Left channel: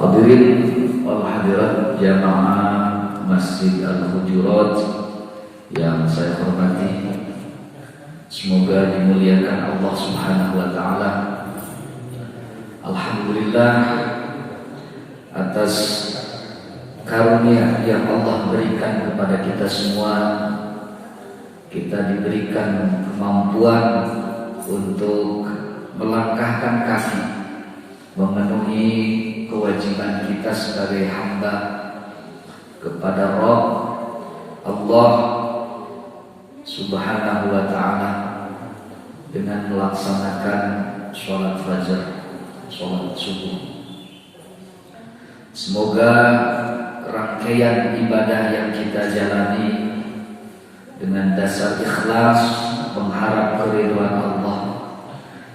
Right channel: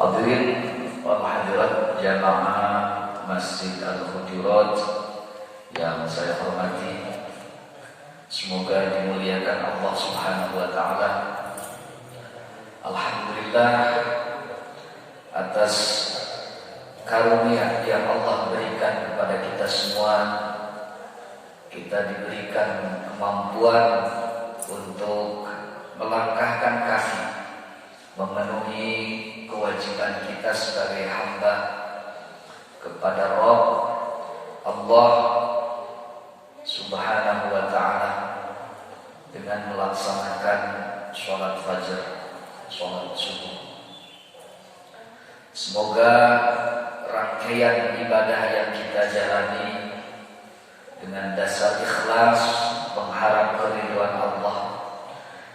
Hadirin wal hadirat jamaah Masjid Al-Hujurat yang saya hormati, semoga dimuliakan Allah Subhanahu wa taala. Alhamdulillah atas karunia yang Allah berikan kepada kita semua. Kita diberikan kemampuan untuk melangkahkan kaki, memenuhi kewajiban kita sebagai hamba kepada Rabb Allah Subhanahu wa ta'ala dengan melaksanakan sholat fajar, sholat subuh. Semoga rangkaian ibadah yang kita jalani dengan dasar ikhlas mengharap keridhaan Allah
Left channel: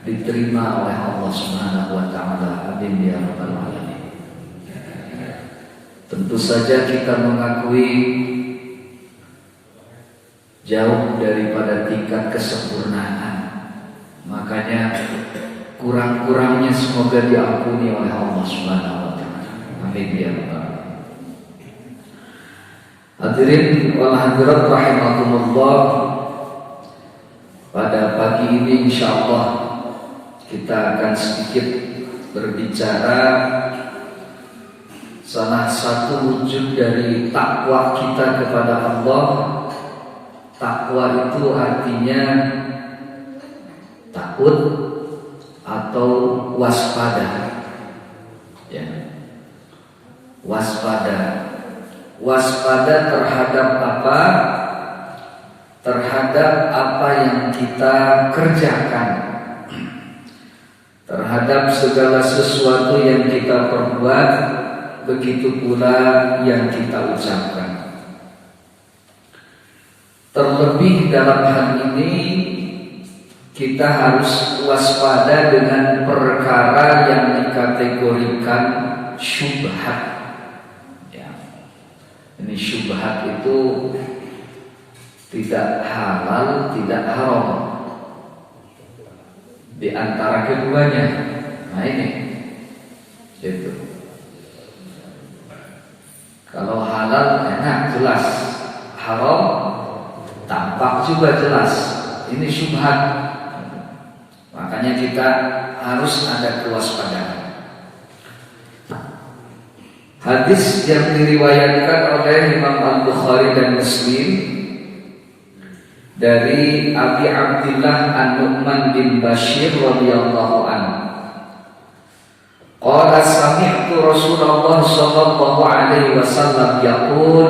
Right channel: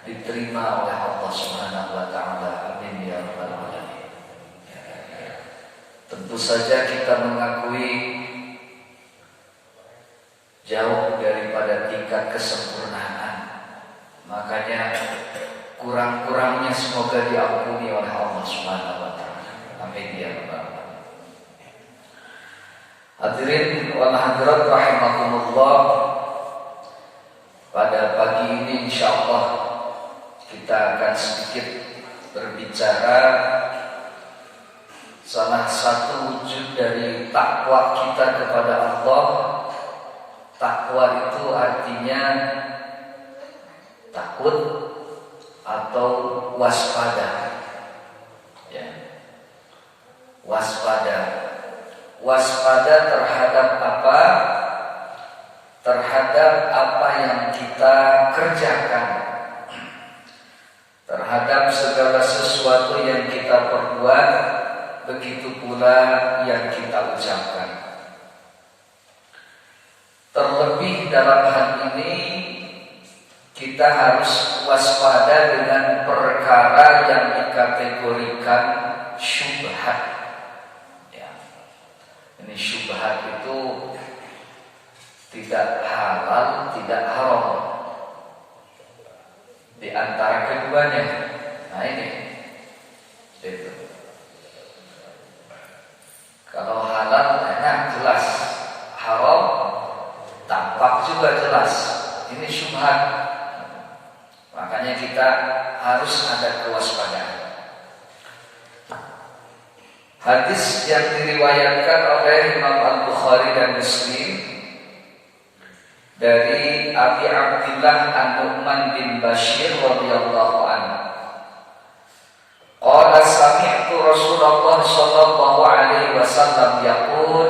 diterima oleh Allah Subhanahu wa taala. Amin ya rabbal alamin. Tentu saja kita mengakui jauh daripada tingkat kesempurnaan. Makanya kurang-kurangnya semoga diampuni oleh Allah Subhanahu wa taala. Amin ya rabbal alamin. Hadirin wal hadirat rahimakumullah, pada pagi ini insyaallah kita akan sedikit berbicara salah satu wujud dari takwa kita kepada Allah. Takwa itu artinya takut atau waspada. Ya. Waspada terhadap apa? Terhadap apa yang kita kerjakan, terhadap segala sesuatu yang kita perbuat, begitu pula yang kita ucapkan. Terlebih dalam hal ini kita harus waspada dengan perkara yang dikategorikan syubhat. Ini syubhat itu tidak halal, tidak haram, di antara keduanya. Nah ini itu. Kalau halal enak jelas, haram tampak juga jelas. Ini syubhat. Makanya kita harus ada kewaspadaan. Hadis yang diriwayatkan oleh Imam Al-Bukhari dan Muslim dari Abi Abdillah An-Nu'man bin Bashir radhiyallahu anhu. Qala sami'tu Rasulullah sallallahu alaihi wasallam yaqul.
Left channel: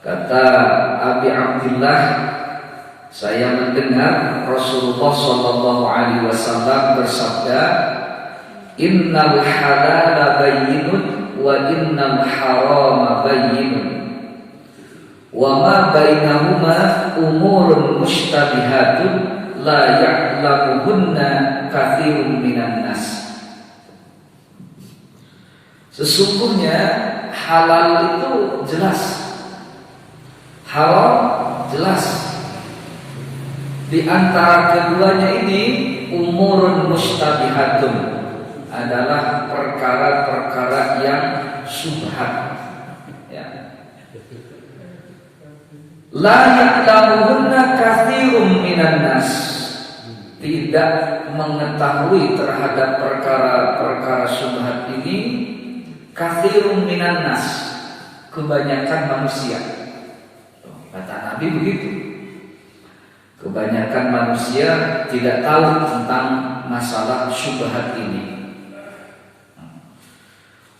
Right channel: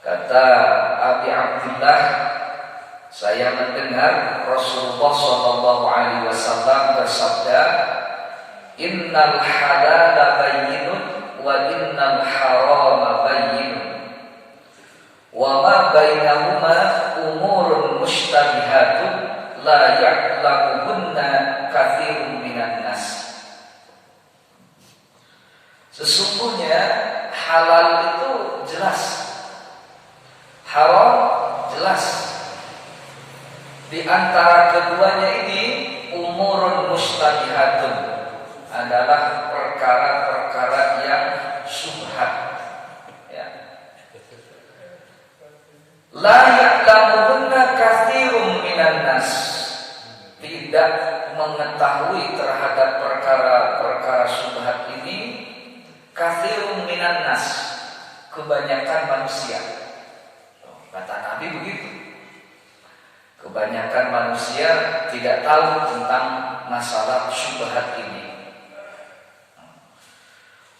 Kata Abi Abdillah, saya mendengar Rasulullah sallallahu alaihi wasallam bersabda, innal halala bayyinun wa innal harama bayyinun wa ma bainahuma umurun mushtabihatun la ya'lamuhunna katsirun minan nas. Sesungguhnya halal itu jelas, haram jelas. Di antara keduanya ini umurun mushtabihatun adalah perkara-perkara yang syubhat. Ya. La ya'lamuhunna katsirun minan nas. Tidak mengetahui terhadap perkara-perkara syubhat ini katsirun minan nas, kebanyakan manusia. Kata Nabi begitu. Kebanyakan manusia tidak tahu tentang masalah syubhat ini.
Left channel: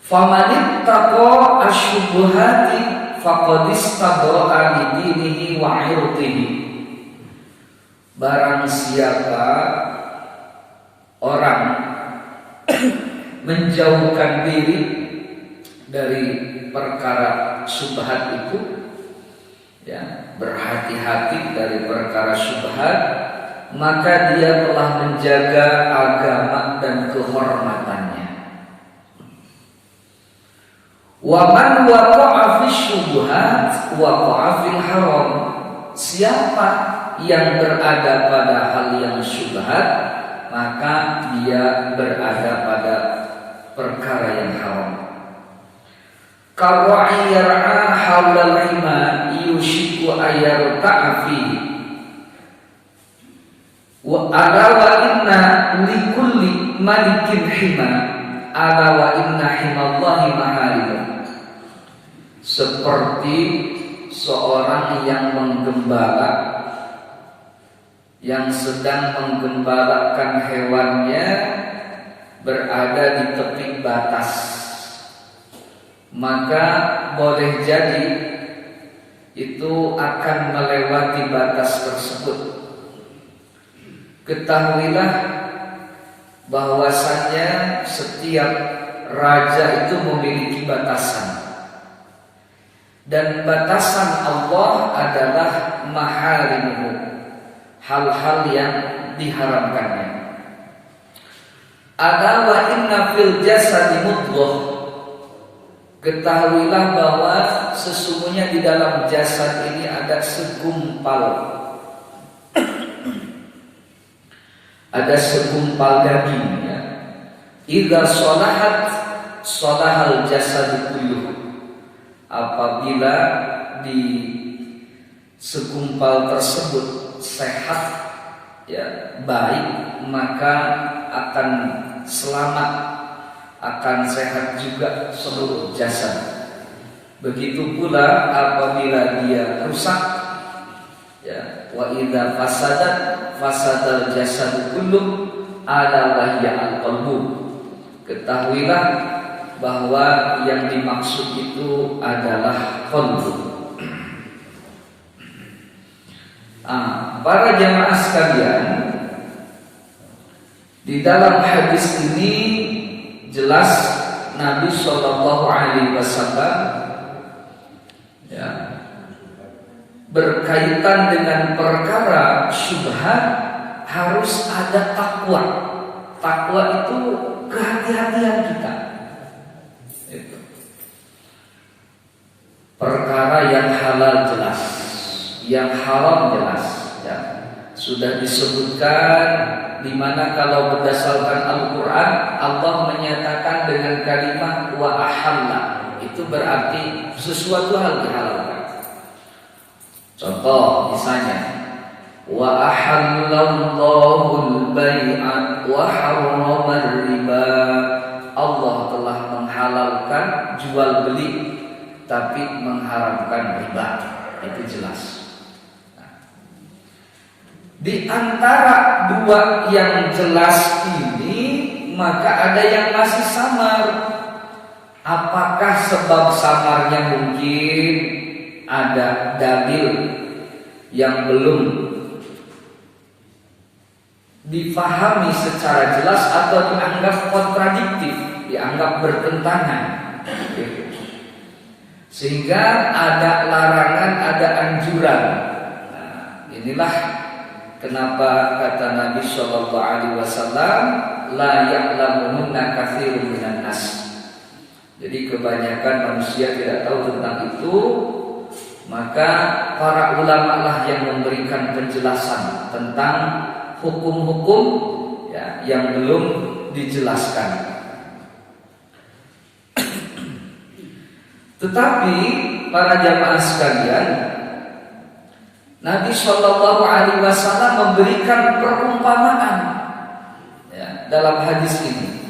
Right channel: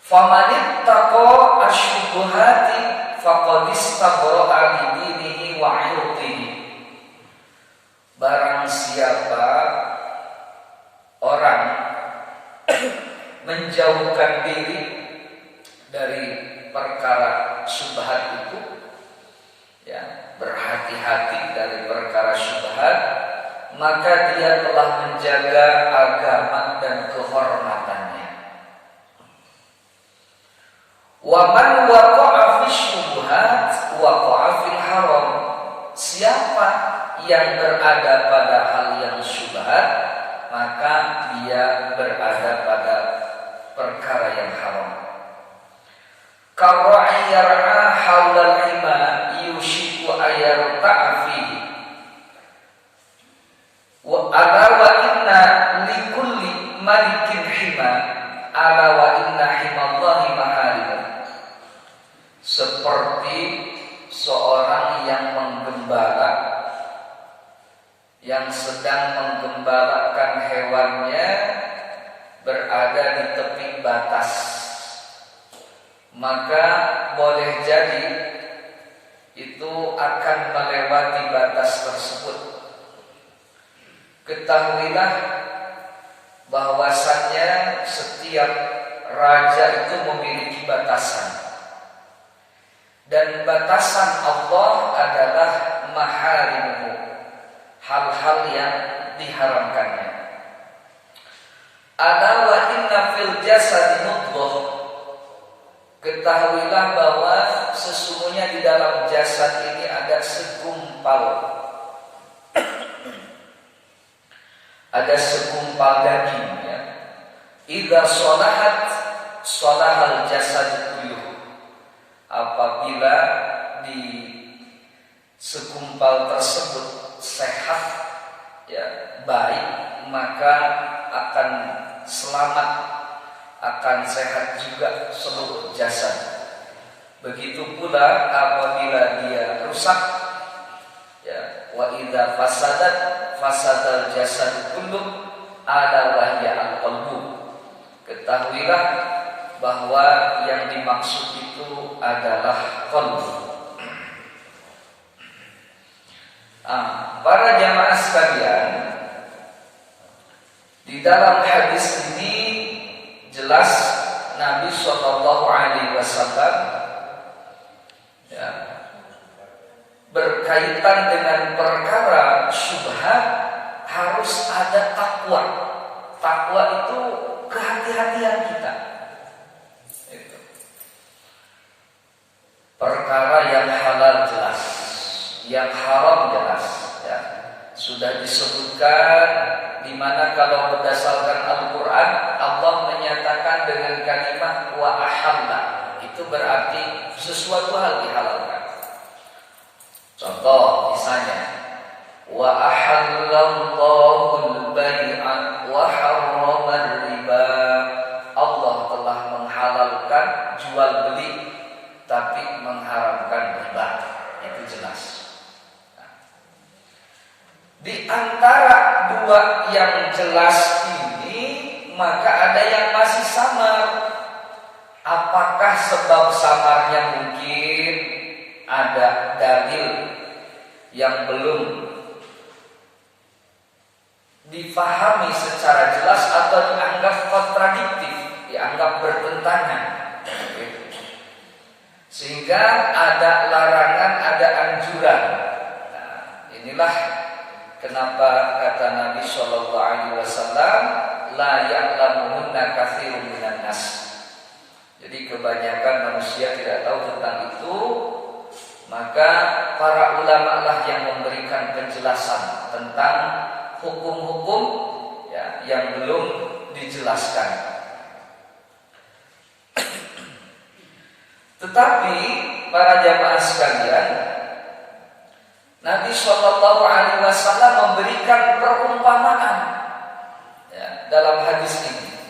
Faman ittaqa asyubuhati faqad istabra'a li dinihi wa 'irdihi. Barang siapa orang menjauhkan diri dari perkara syubhat itu, ya, berhati-hati dari perkara syubhat, maka dia telah menjaga agama dan kehormatannya. Wa man waqa'a fi syubhat waqa'a fil haram. Siapa yang berada pada hal yang syubhat, maka dia berada pada perkara yang haram. Karra'i yar'a haulal hima yushiku ayarta'a fihi. Wa ala wa inna likulli malikin hima ala wa inna himallahi maharimah. Seperti seorang yang menggembala, yang sedang menggembalakan hewannya berada di tepi batas, maka boleh jadi itu akan melewati batas tersebut. Ketahuilah bahwasannya setiap raja itu memiliki batasan, dan batasan Allah adalah maharimuhu, hal-hal yang diharamkannya. Ada wa inna fil jasadi mudghah. Ketahuilah bahwa sesungguhnya di dalam jasad ini ada segumpal, ada segumpal daging, ya. Idza shalahat shalahal jasad kulluh. Apabila di segumpal tersebut sehat, ya, baik, maka akan selamat, akan sehat juga seluruh jasad. Begitu pula apabila dia rusak, ya, wa idza fasadat fasadal jasad kulluh ala wahya al-qalbu. Ketahuilah bahwa yang dimaksud itu adalah qalbu. Para jamaah sekalian, di dalam hadis ini jelas Nabi Shallallahu Alaihi Wasallam, ya, berkaitan dengan perkara syubhat harus ada takwa. Takwa itu kehati-hatian kita. Itu. Perkara yang halal jelas, yang haram jelas, ya. Sudah disebutkan di mana kalau berdasarkan Al-Quran Allah menyatakan dengan kalimat wa ahalla, itu berarti sesuatu hal dihalalkan. Contoh misalnya wa ahallallahu al-bai'a wa harrama riba. Allah telah menghalalkan jual beli tapi mengharamkan riba. Itu jelas. Di antara dua yang jelas ini, maka ada yang masih samar. Apakah sebab samarnya mungkin ada dalil yang belum difahami secara jelas atau dianggap kontradiktif, dianggap bertentangan, sehingga ada larangan, ada anjuran. Nah, inilah kenapa kata Nabi Shallallahu Alaihi Wasallam, la ya'lamuhunna katsirun minan nas. Jadi kebanyakan manusia tidak tahu tentang itu, maka para ulama lah yang memberikan penjelasan tentang hukum-hukum, ya, yang belum dijelaskan. Tetapi para jamaah sekalian, Nabi Shallallahu Alaihi Wasallam memberikan perumpamaan, ya, dalam hadis ini,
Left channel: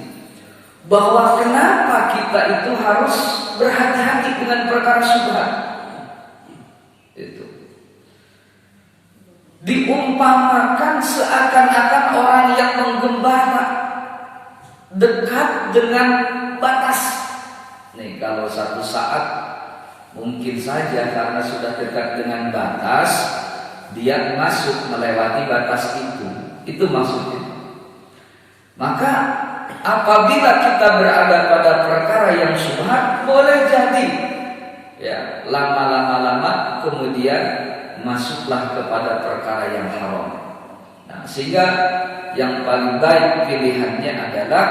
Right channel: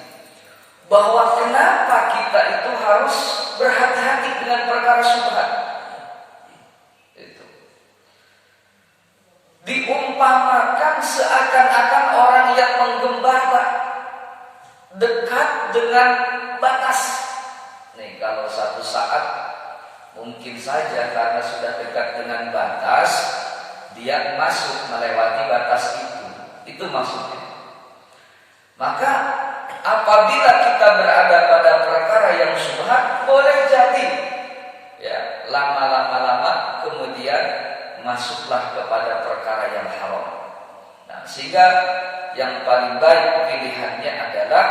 bahwa kenapa kita itu harus berhati-hati dengan perkara syubhat. Itu diumpamakan seakan-akan orang yang menggembala dekat dengan batas. Nih, kalau satu saat mungkin saja karena sudah dekat dengan batas, dia masuk melewati batas itu maksudnya. Maka apabila kita berada pada perkara yang syubhat, boleh jadi, ya, lama kemudian masuklah kepada perkara yang haram. Nah, sehingga yang paling baik pilihannya adalah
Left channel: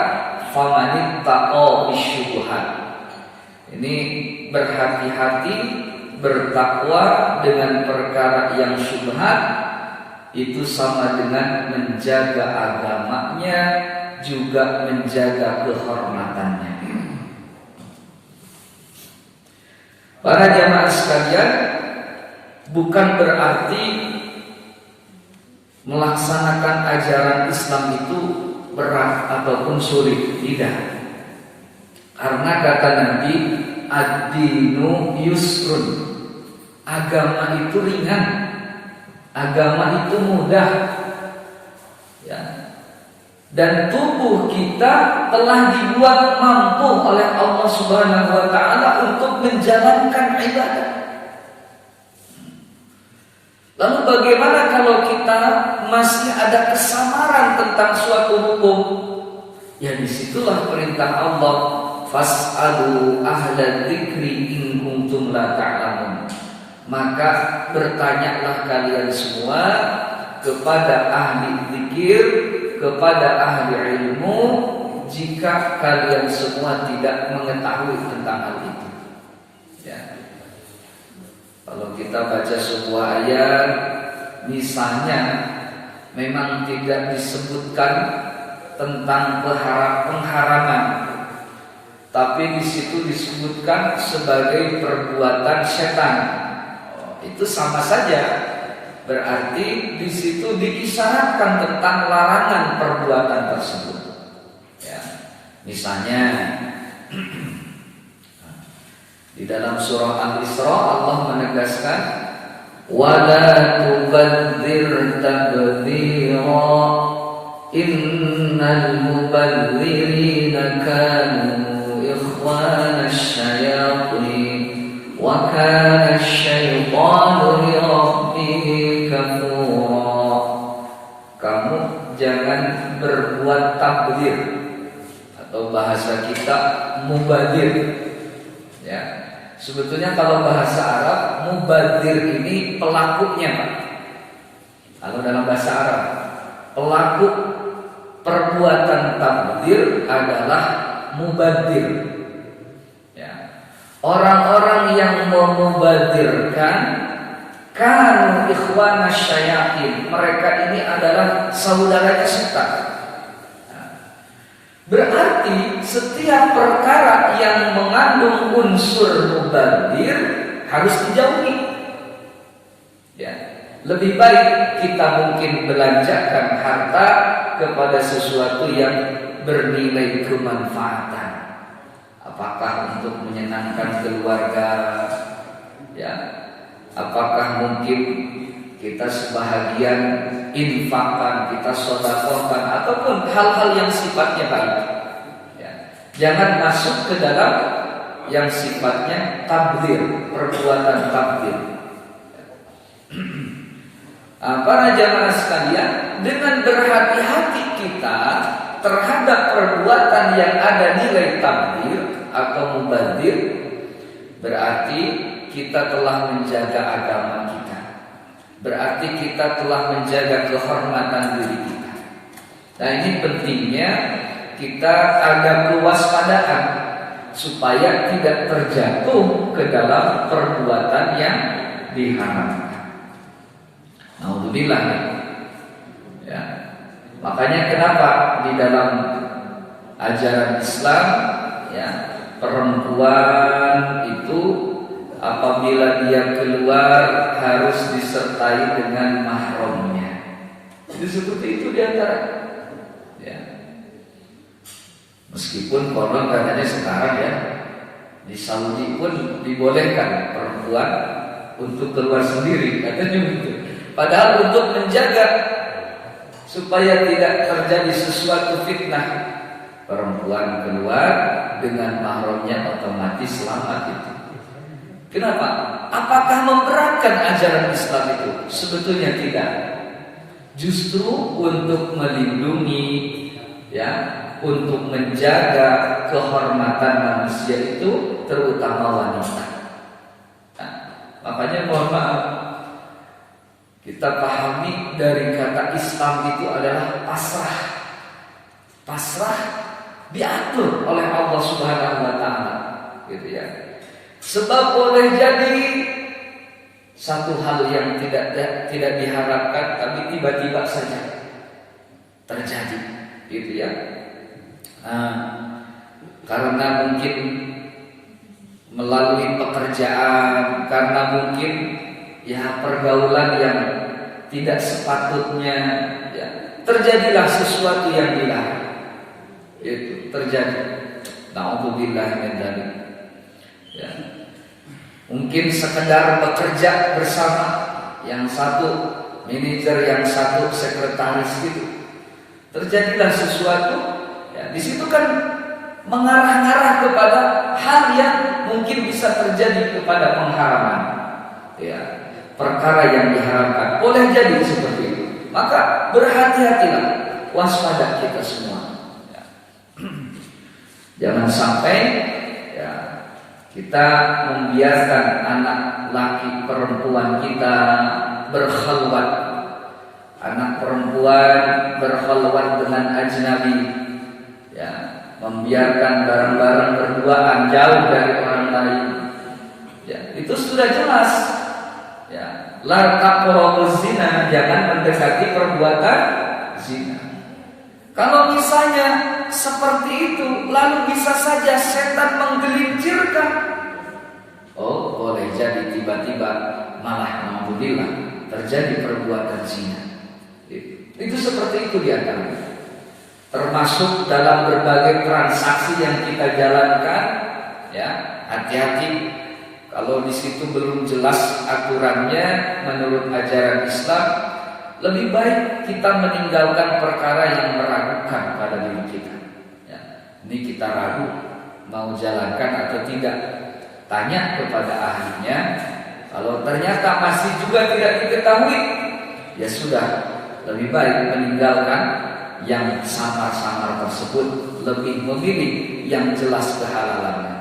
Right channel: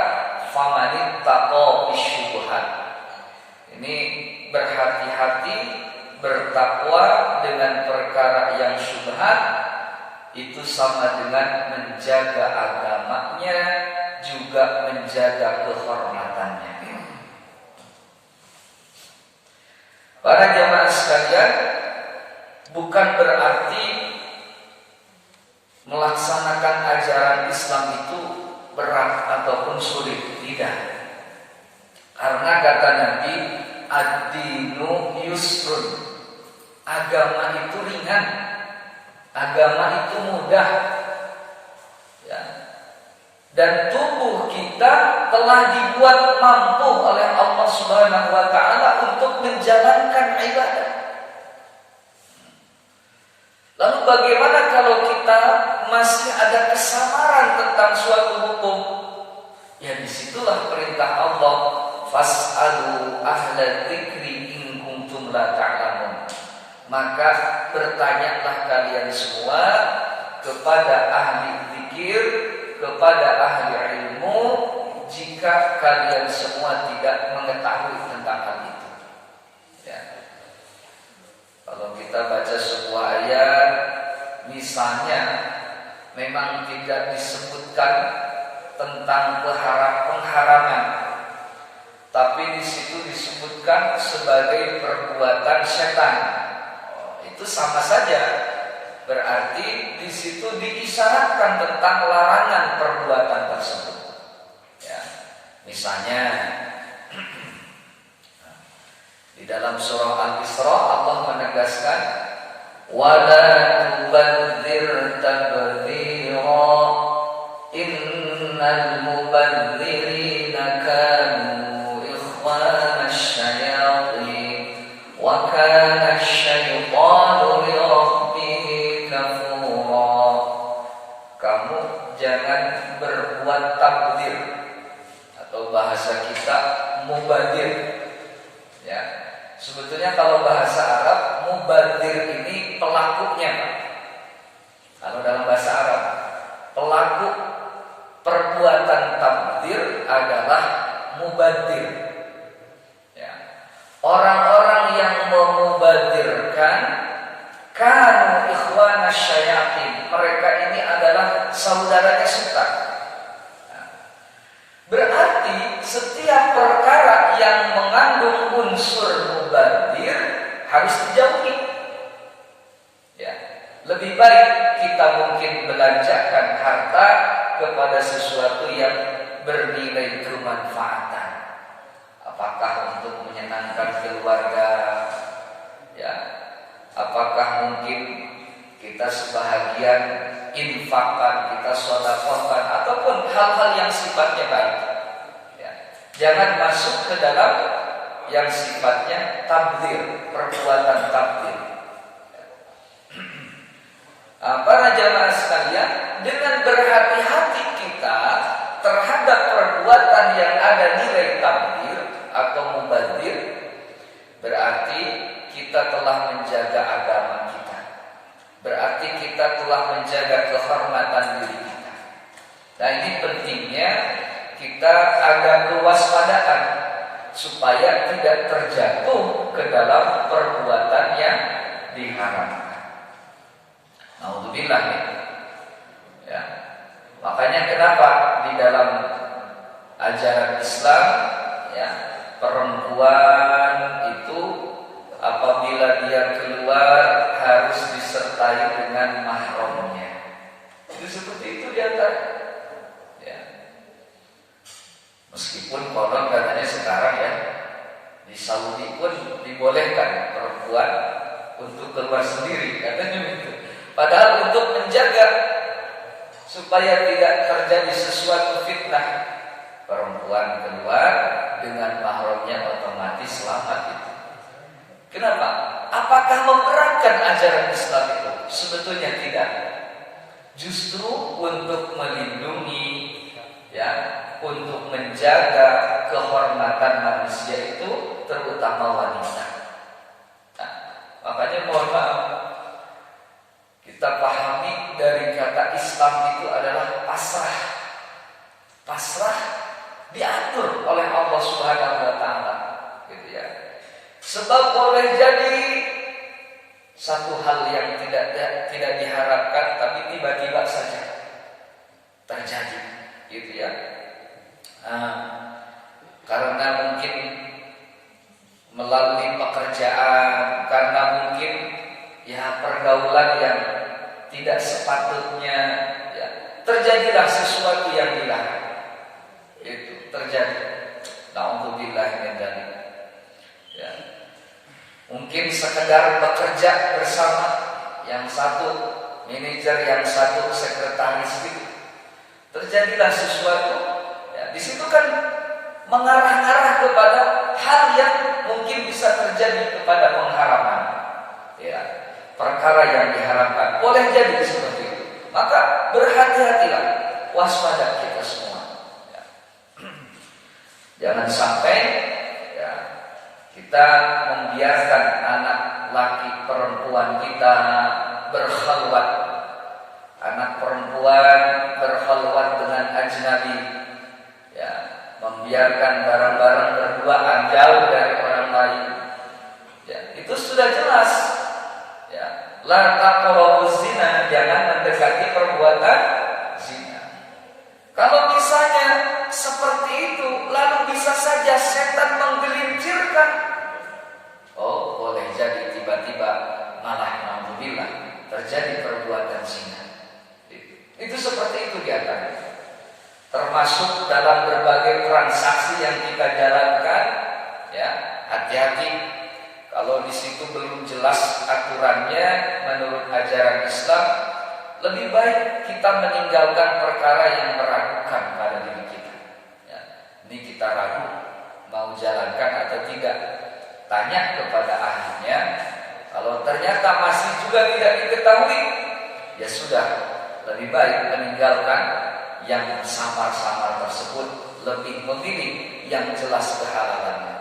famanittaqo bisyubhat. Ini berhati-hati, bertakwa dengan perkara yang syubhat, itu sama dengan menjaga agamanya, juga menjaga kehormatannya. Para jamaah sekalian, bukan berarti melaksanakan ajaran Islam itu berat ataupun sulit, tidak. Karena kata Nabi, ad-dinu yusrun, agama itu ringan, agama itu mudah, ya. Dan tubuh kita telah dibuat mampu oleh Allah Subhanahu wa taala untuk menjalankan ibadah. Lalu bagaimana kalau kita masih ada kesamaran tentang suatu hukum? Ya disitulah perintah Allah, fas'alu ahla dzikri in kuntum la ta'lamun. Maka bertanyalah kalian semua kepada ahli zikir, kepada ahli ilmu, jika kalian semua tidak mengetahui tentang hal itu. Ya. Kalau kita baca sebuah ayat, misalnya memang tidak disebutkan tentang pengharaman, tapi di situ disebutkan sebagai perbuatan setan. Itu sama saja, berarti di situ diisyaratkan tentang larangan perbuatan tersebut. Ya. Misalnya di dalam surah Al-Isra Allah menegaskan, wala tubadzir tabdzira innal mubadzirina kanu ikhwanasy syayatin wa kana asy-syaitanu li rabbih kafura. Kamu jangan berbuat tabdzir, atau bahasa kita mubadir. Ya. Sebetulnya kalau bahasa Arab, mubadir ini pelakunya, Pak. Kalau dalam bahasa Arab, pelaku perbuatan tabdzir adalah mubadir. Ya. Orang-orang yang memubadirkan kanu ikhwanasy syayatin, mereka ini adalah saudara setan. Berarti setiap perkara yang mengandung unsur mubadir harus dijauhi. Ya, lebih baik kita mungkin belanjakan harta kepada sesuatu yang bernilai kemanfaatan. Apakah untuk menyenangkan keluarga? Ya, apakah mungkin kita sebahagian infakkan, kita sedekahkan, ataupun hal-hal yang sifatnya baik. Ya. Jangan masuk ke dalam yang sifatnya tabdzir, perbuatan tabdzir. Para jamaah sekalian, dengan berhati-hati kita terhadap perbuatan yang ada nilai tabdzir atau mubadzir, berarti kita telah menjaga agama kita. Berarti kita telah menjaga kehormatan diri kita. Nah ini pentingnya kita ada kewaspadaan supaya tidak terjatuh ke dalam perbuatan yang diharamkan. Alhamdulillah ya. Makanya kenapa di dalam ajaran Islam ya, perempuan itu apabila dia keluar harus disertai dengan mahramnya. Jadi seperti itu diantara. Ya. Meskipun konon katanya sekarang ya di Saudi pun dibolehkan perempuan untuk keluar sendiri, katanya begitu. Padahal untuk menjaga supaya tidak terjadi sesuatu fitnah, perempuan keluar dengan mahramnya otomatis selamat itu. Kenapa? Apakah memberatkan ajaran Islam itu? Sebetulnya tidak. Justru untuk melindungi, ya, untuk menjaga kehormatan manusia itu, terutama wanita. Nah, makanya mohon maaf, kita pahami dari kata Islam itu adalah pasrah. Pasrah diatur oleh Allah Subhanahu wa taala, gitu ya. Sebab boleh jadi satu hal yang tidak diharapkan tapi tiba-tiba saja terjadi, gitu ya. Karena mungkin melalui pekerjaan, karena mungkin ya pergaulan yang tidak sepatutnya, ya, terjadilah sesuatu yang dilarang. Itu terjadi. Na'udzubillah min dzalik. Ya. Mungkin sekedar bekerja bersama, yang satu manajer, yang satu sekretaris gitu. Terjadilah sesuatu, ya, di situ kan mengarah-arah kepada hal yang mungkin bisa terjadi kepada pengharaman. Ya, perkara yang diharamkan. Boleh jadi seperti itu. Maka berhati-hatilah, waspada kita semua. Ya. Jangan sampai, ya, kita membiarkan anak laki perempuan kita berkhalwat, anak perempuan berkhalwat dengan ajnabi, ya, membiarkan barang-barang berduaan jauh dari orang lain. Ya, itu sudah jelas. Ya, la taqrabuz zina, jangan mendekati perbuatan zina. Kalau misalnya seperti itu, lalu bisa saja setan menggelincirkan. Oh, boleh jadi tiba-tiba malah alhamdulillah terjadi perbuatan zina. Itu seperti itu diantaranya. Termasuk dalam berbagai transaksi yang kita jalankan, ya, hati-hati. Kalau di situ belum jelas aturannya menurut ajaran Islam, lebih baik kita meninggalkan perkara yang meragukan pada diri kita. Ya, ini kita ragu mau jalankan atau tidak, tanya kepada ahlinya. Kalau ternyata masih juga tidak diketahui, ya sudah, lebih baik meninggalkan yang samar-samar tersebut, lebih memilih yang jelas kehalalannya.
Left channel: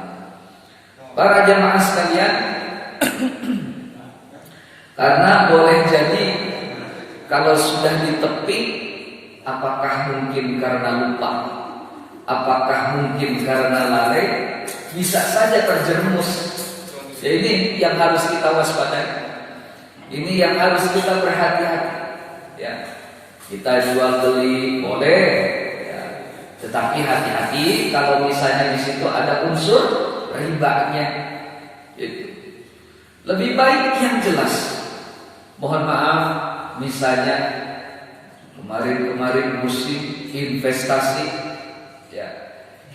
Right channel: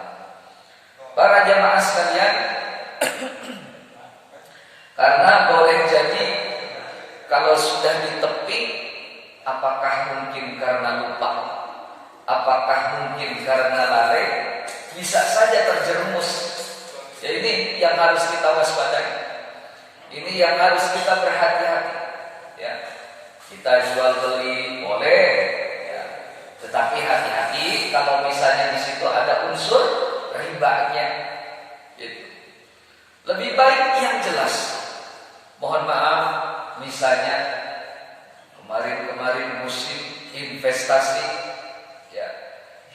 Para jamaah sekalian, karena boleh jadi kalau sudah ditepi, apakah mungkin karena lupa, apakah mungkin karena lalai, bisa saja terjerumus. Ya, ini yang harus kita waspadai. Ini yang harus kita berhati-hati. Ya, kita jual beli boleh, ya, tetapi hati-hati kalau misalnya di situ ada unsur ribanya. Lebih baik yang jelas. Mohon maaf, misalnya kemarin musim investasi, ya,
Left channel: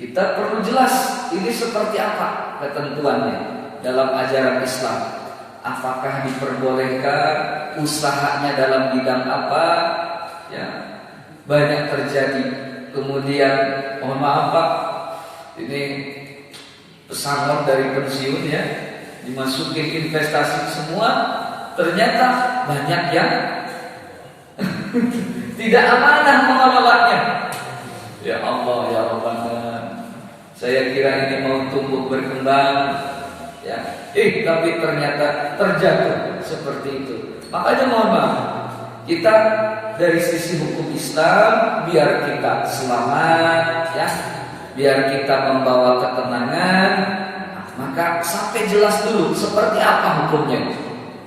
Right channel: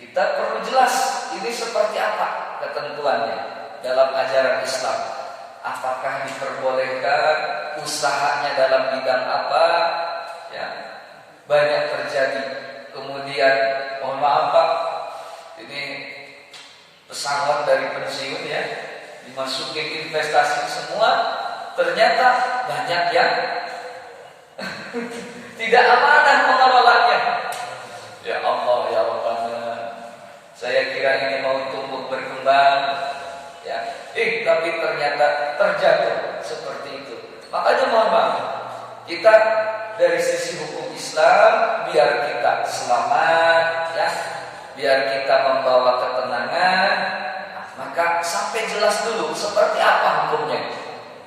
kita perlu jelas ini seperti apa ketentuannya dalam ajaran Islam. Apakah diperbolehkan, usahanya dalam bidang apa? Ya, banyak terjadi. Kemudian, mohon maaf Pak, ini pesangon dari pensiun, ya, dimasukin investasi semua, ternyata banyak yang tidak amanah mengelolanya. Ya Allah, ya Allah, saya kira ini mau tumbuh berkembang, ya, tapi ternyata terjatuh seperti itu. Makanya mohon maaf, kita dari sisi hukum Islam biar kita selamat, ya, biar kita membawa ketenangan, maka sampai jelas dulu seperti apa hukumnya.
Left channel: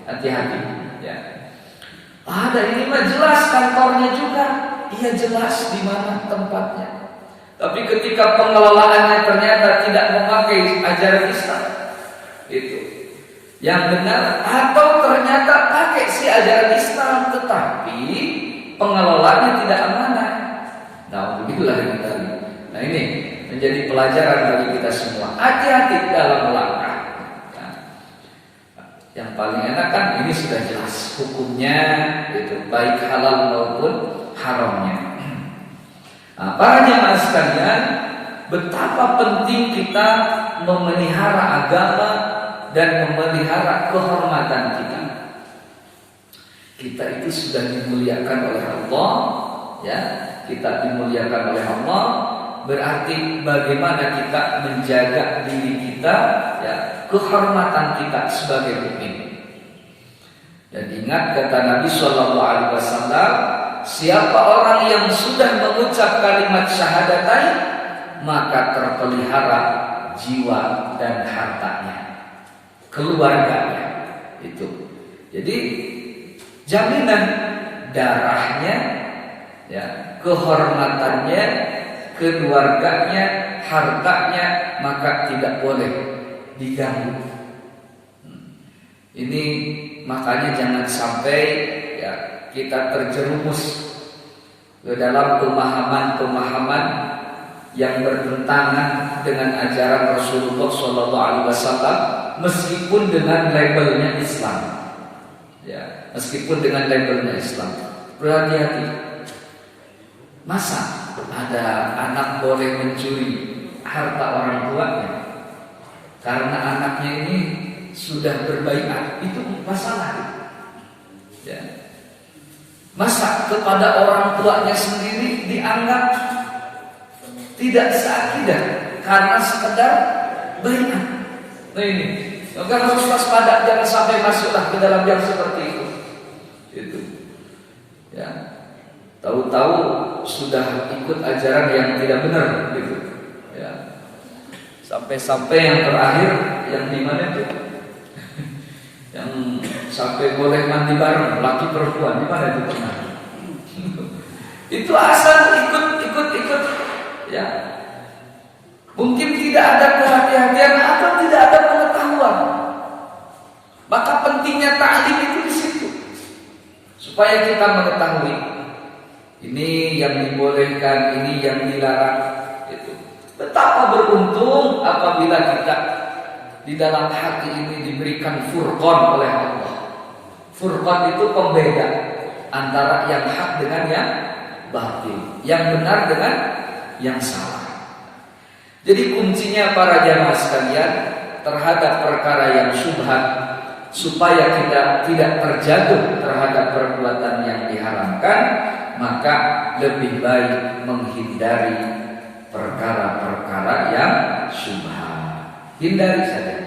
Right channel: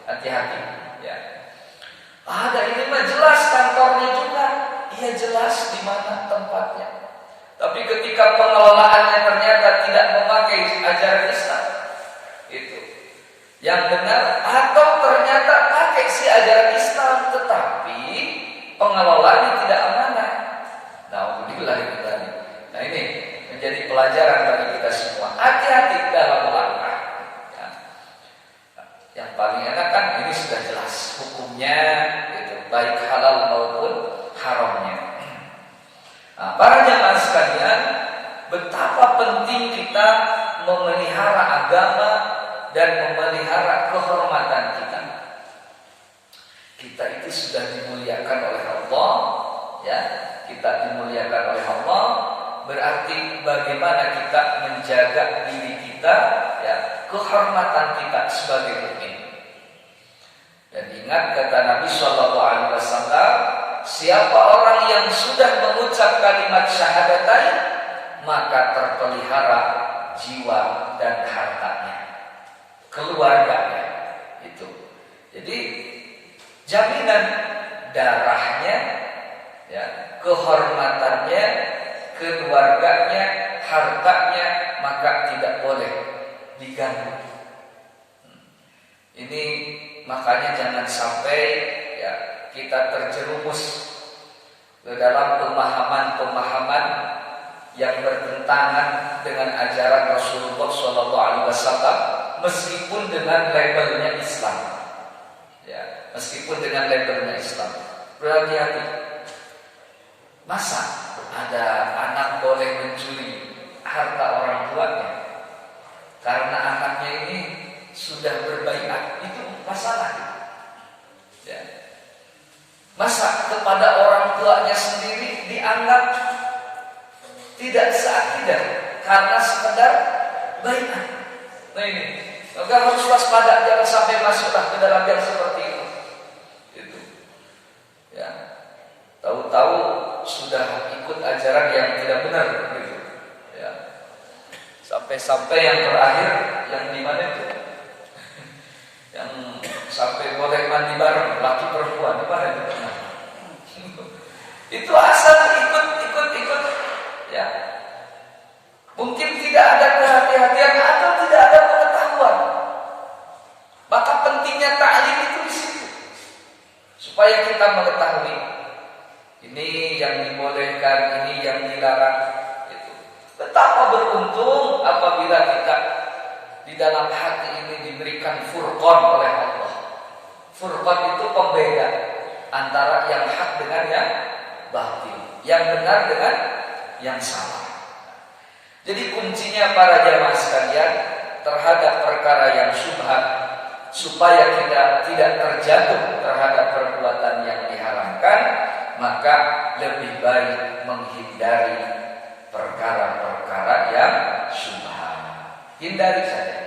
Hati-hati, ya. Ada ini mah jelas kantornya juga, iya jelas di mana tempatnya. Tapi ketika pengelolaannya ternyata tidak memakai ajaran Islam, itu yang benar, atau ternyata pakai si ajaran Islam tetapi pengelolaannya tidak amanah. Nah, ini menjadi pelajaran bagi kita semua. Hati-hati dalam melangkah. Ya. Yang paling enak kan ini sudah jelas hukumnya, itu baik halal maupun haramnya. Nah, para jemaah sekalian, betapa penting kita memelihara agama dan memelihara kehormatan kita. Kita itu sudah dimuliakan oleh Allah, ya. Kita dimuliakan oleh Allah, berarti bagaimana kita menjaga diri kita, ya, kehormatan kita sebagai mukmin. Dan ingat kata Nabi SAW, siapa orang yang sudah mengucap kalimat syahadatain, maka terpelihara jiwa dan hartanya, keluarganya. Itu. Jadi jaminan darahnya, ya, kehormatannya, keluarganya, hartanya, maka tidak boleh diganggu. Ini makanya jangan sampai ya kita terjerumus ke dalam pemahaman-pemahaman yang bertentangan dengan ajaran Rasulullah SAW, meskipun dengan labelnya Islam. Ya, meskipun dengan labelnya Islam. Berhati-hati. Masa ada anak boleh mencuri harta orang tuanya karena anaknya ini sudah berbaiat? Itu masalah. Ya. Masa kepada orang tuanya sendiri dianggap tidak seakidah karena sekedar baiat? Nah ini, maka harus waspada, jangan sampai masuklah ke dalam yang seperti itu. Itu. Ya. Tahu-tahu sudah ikut ajaran yang tidak benar gitu. Ya. Sampai-sampai yang terakhir yang di mana itu? Yang sampai boleh mandi bareng laki perempuan, di mana itu pernah? Itu asal ikut ya. Mungkin tidak ada kehati-hatian atau tidak ada pengetahuan. Maka pentingnya ta'lim itu di situ. Supaya kita mengetahui ini yang dibolehkan, ini yang dilarang. Itu. Betapa beruntung apabila kita di dalam hati ini diberikan furqan oleh Allah. Furqan itu pembeda antara yang hak dengan yang batil, yang benar dengan yang salah. Jadi kuncinya para jamaah sekalian terhadap perkara yang syubhat, supaya kita tidak terjatuh terhadap perbuatan yang diharamkan, maka lebih baik menghindari perkara-perkara yang syubhat. Hindari saja.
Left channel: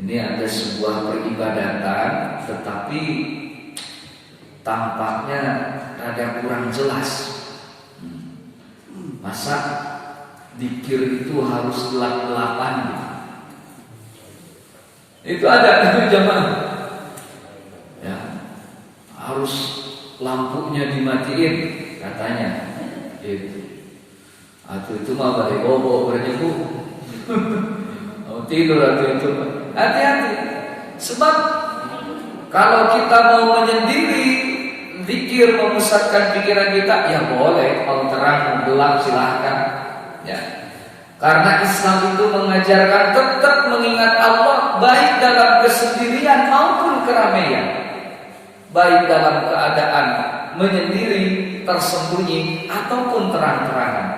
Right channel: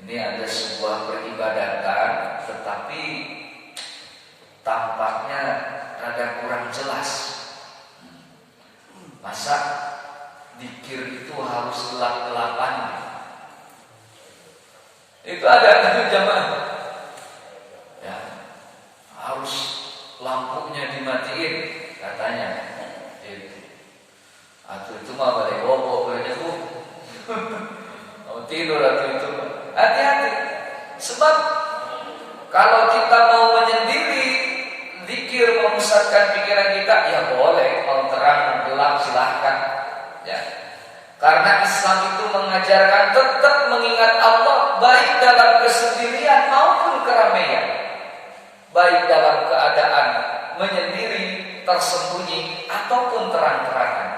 Ini ada sebuah peribadatan, tetapi tampaknya rada kurang jelas. Masa dzikir itu harus gelap-gelapan gitu? Itu ada itu jamaah. Ya, harus lampunya dimatiin katanya. Gitu. Atau itu mah balik bobo berarti bu. Mau tidur atau itu. Hati-hati. Sebab kalau kita mau menyendiri zikir, memusatkan pikiran kita, ya boleh. Kalau terang gelap silahkan. Ya. Karena Islam itu mengajarkan tetap mengingat Allah, baik dalam kesendirian maupun keramaian, baik dalam keadaan menyendiri, tersembunyi ataupun terang-terangan.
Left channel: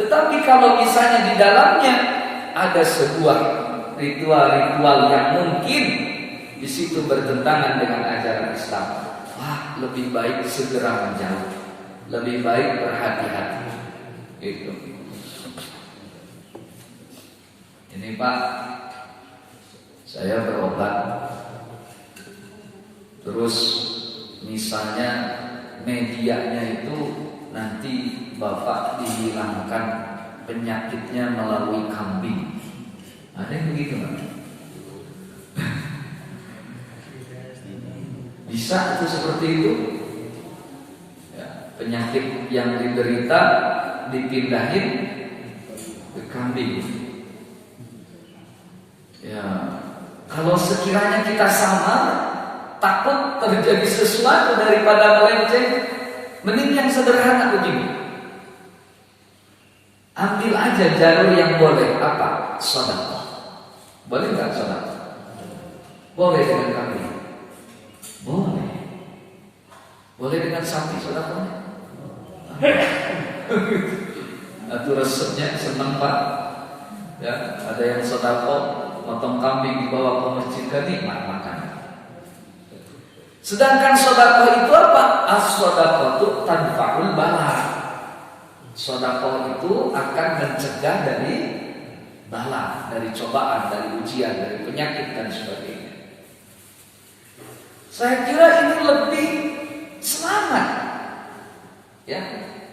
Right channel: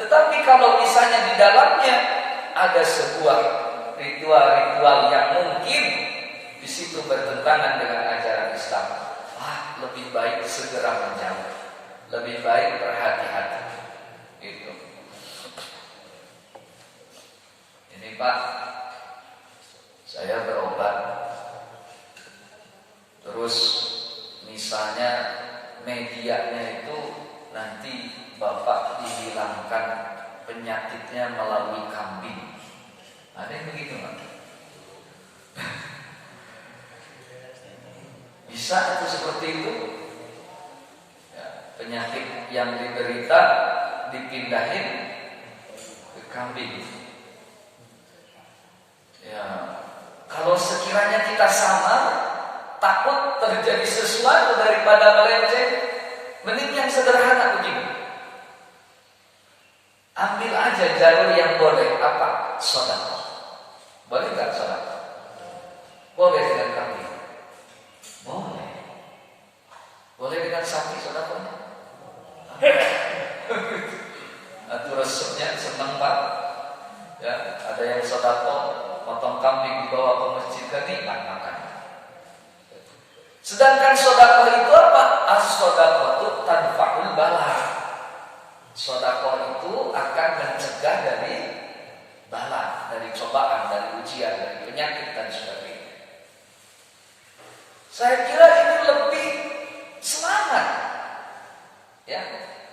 Tetapi kalau misalnya di dalamnya ada sebuah ritual-ritual yang mungkin di situ bertentangan dengan ajaran Islam, lebih baik segera menjauh, lebih baik berhati-hati. Gitu. Ini Pak, saya berobat, terus misalnya medianya itu nanti Bapak dihilangkan penyakitnya melalui kambing. Ada yang begitu nggak? Bisa itu seperti itu? Ya, penyakit yang diderita dipindahin ke kambing. Ya, kalau sekiranya kita samar, takut terjadi sesuatu daripada melenceng, mending yang sederhana begini. Ambil aja jalur yang boleh. Apa? Sedekah. Boleh nggak sedekah? Boleh dengan kambing. Boleh. Boleh dengan sapi sedekahnya. Itu resepnya senang Pak. Ya, ada yang sedekah potong kambing dibawa ke masjid, nikmat makan. Sedangkan sedekah itu apa? As-sedekah itu tanfa'ul bala. Sedekah itu akan mencegah dari bala, dari cobaan, dari ujian, dari penyakit dan sebagainya. Saya kira ini lebih selamat. Ya,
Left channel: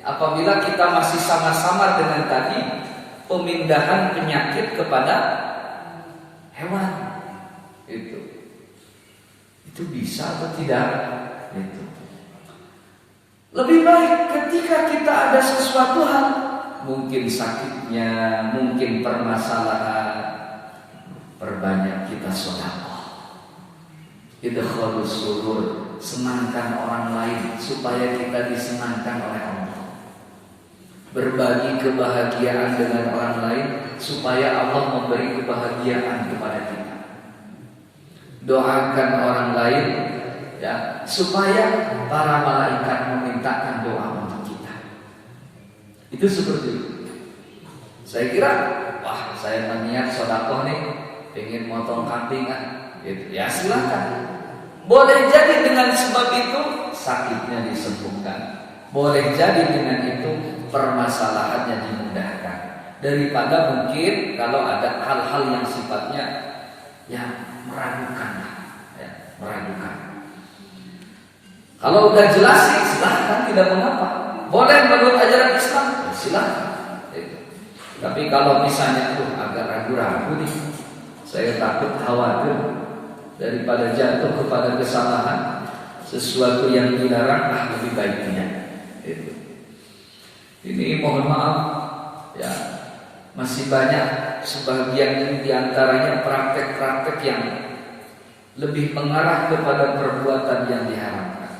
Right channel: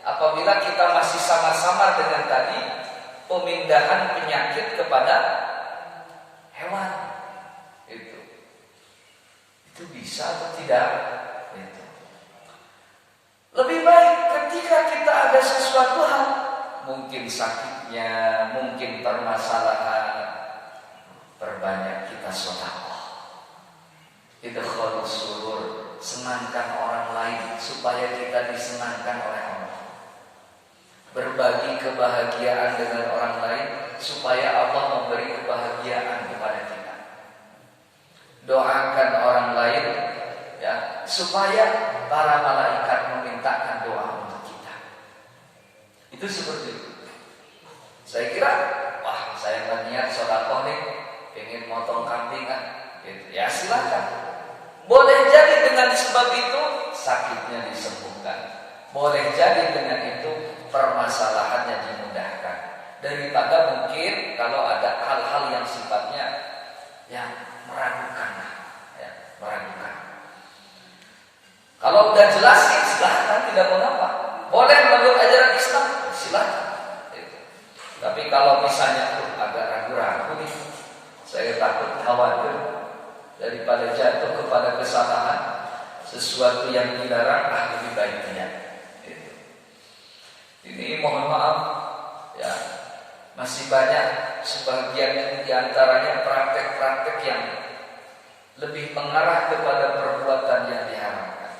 apabila kita masih samar-samar dengan tadi pemindahan penyakit kepada hewan. Itu bisa atau tidak? Itu. Lebih baik ketika kita ada sesuatu hal, mungkin sakitnya, mungkin permasalahan, perbanyak kita sedekah. Idkhalus surur, senangkan orang lain supaya kita disenangkan oleh Allah. Berbagi kebahagiaan dengan orang lain supaya Allah memberi kebahagiaan kepada kita. Doakan orang lain ya, supaya para malaikat memintakan doa untuk kita. Itu seperti itu. Saya kira, wah saya berniat sedekah nih, pengen motong kambing gitu. Ya silakan. Boleh jadi dengan sebab itu sakitnya disembuhkan. Boleh jadi dengan itu permasalahannya dimudahkan. Daripada mungkin kalau ada hal-hal yang sifatnya ya meragukan, ya, meragukan. Kalau udah jelas ya silahkan, tidak mengapa. Boleh menurut ajaran Islam, ya silahkan. Tapi kalau misalnya agak ragu-ragu nih, saya takut khawatir daripada jatuh kepada kesalahan sesuatu yang dilarang, lebih baik tidak. Ini mohon maaf ya, masih banyak sebagian diantaranya praktek-praktek yang lebih mengarah kepada perbuatan yang diharamkan.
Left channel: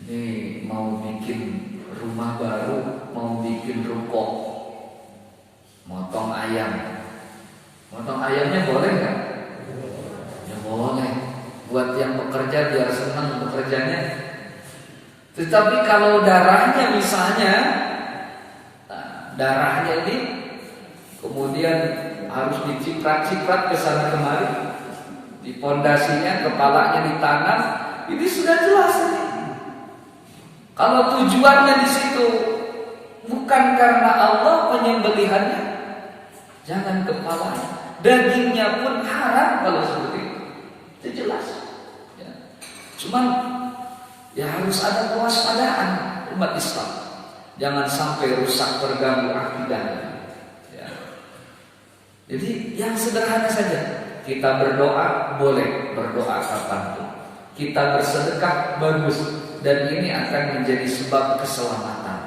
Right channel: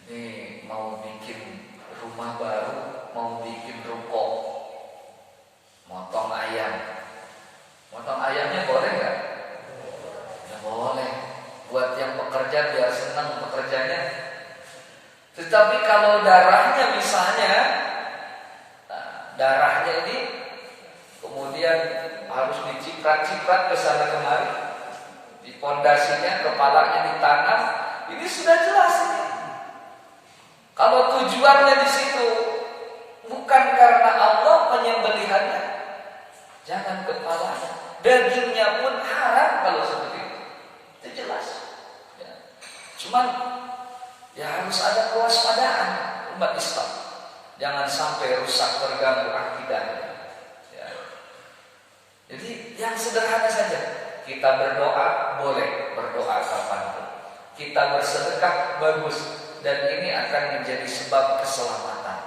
Ini mau bikin rumah baru, mau bikin ruko, motong ayam. Motong ayamnya boleh nggak? Ya boleh. Buat yang bekerja biar senang bekerjanya. Tetapi kalau darahnya misalnya, darahnya ini kemudian harus diciprat-ciprat ke sana kemari, di pondasinya kepalanya ditanam, ini sudah jelas ini. Kalau tujuannya di situ bukan karena Allah penyembelihannya, jangan kepalanya. Dagingnya pun haram kalau seperti itu. Itu jelas. Ya. Cuman ya harus ada kewaspadaan umat Islam. Jangan sampai rusak terganggu akidahnya. Ya. Jadi yang sederhana saja. Kita berdoa boleh, berdoa kapanpun. Kita bersedekah bagus, dan ini akan menjadi sebab keselamatan.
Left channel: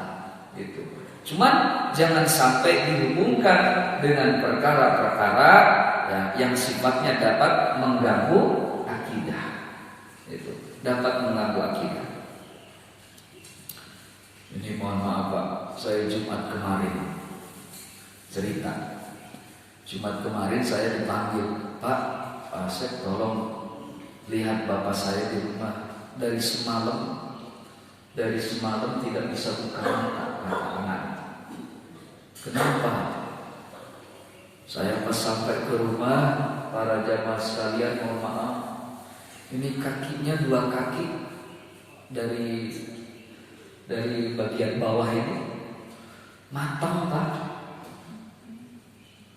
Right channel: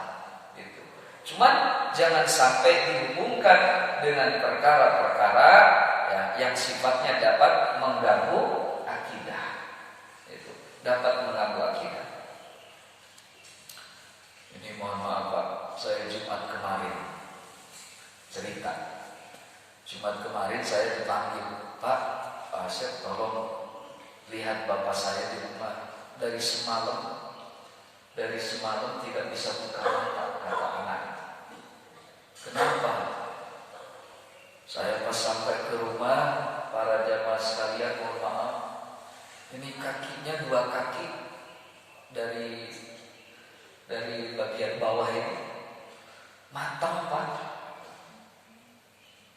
Gitu. Cuman jangan sampai dihubungkan dengan perkara-perkara ya, yang sifatnya dapat mengganggu akidah. Itu dapat mengganggu akidah. Ini mohon maaf Pak, saya Jumat kemarin cerita. Jumat kemarin saya dipanggil, Pak Asep tolong lihat bapak saya di rumah. Dari semalam tidak bisa buka mata, kata anak. Kenapa? Saya pas sampai ke rumah, para jamaah sekalian mohon maaf, ini kakinya 2 kaki dari bagian bawah ini matang Pak.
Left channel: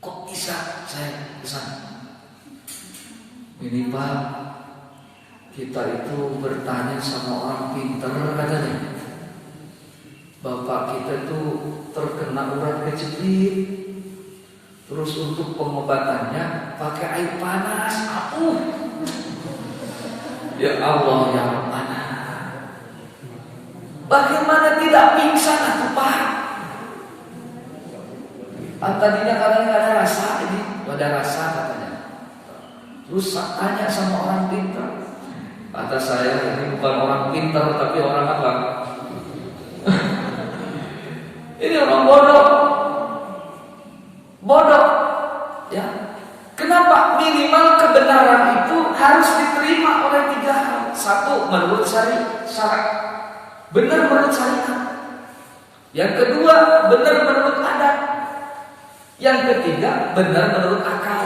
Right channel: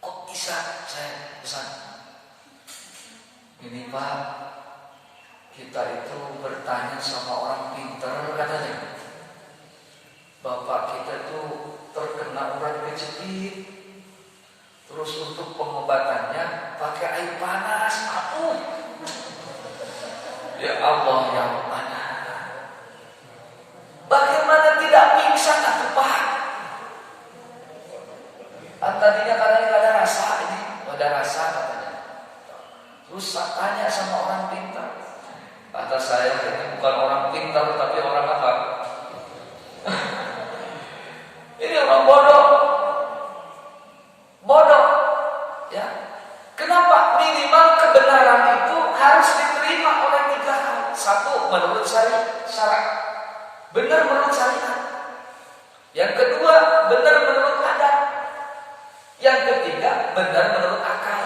Kok bisa? Saya pesan, ini Pak, kita itu bertanya sama orang pinter katanya. Bapak kita itu terkena urat kejepit. Terus untuk pengobatannya pakai air panas. Ya Allah ya Rabbana. Bagaimana tidak pingsan atuh Pak? Tadinya katanya nggak ada rasa, ini nggak ada rasa katanya. Terus tanya sama orang pinter. Kata saya ini bukan orang pinter tapi orang apa? Ini orang bodoh, ya. Kenapa? Minimal kebenaran itu harus diterima oleh 3 hal. 1, menurut syarat, benar menurut syariat. Yang kedua, benar menurut adat. Yang ketiga, benar menurut akal.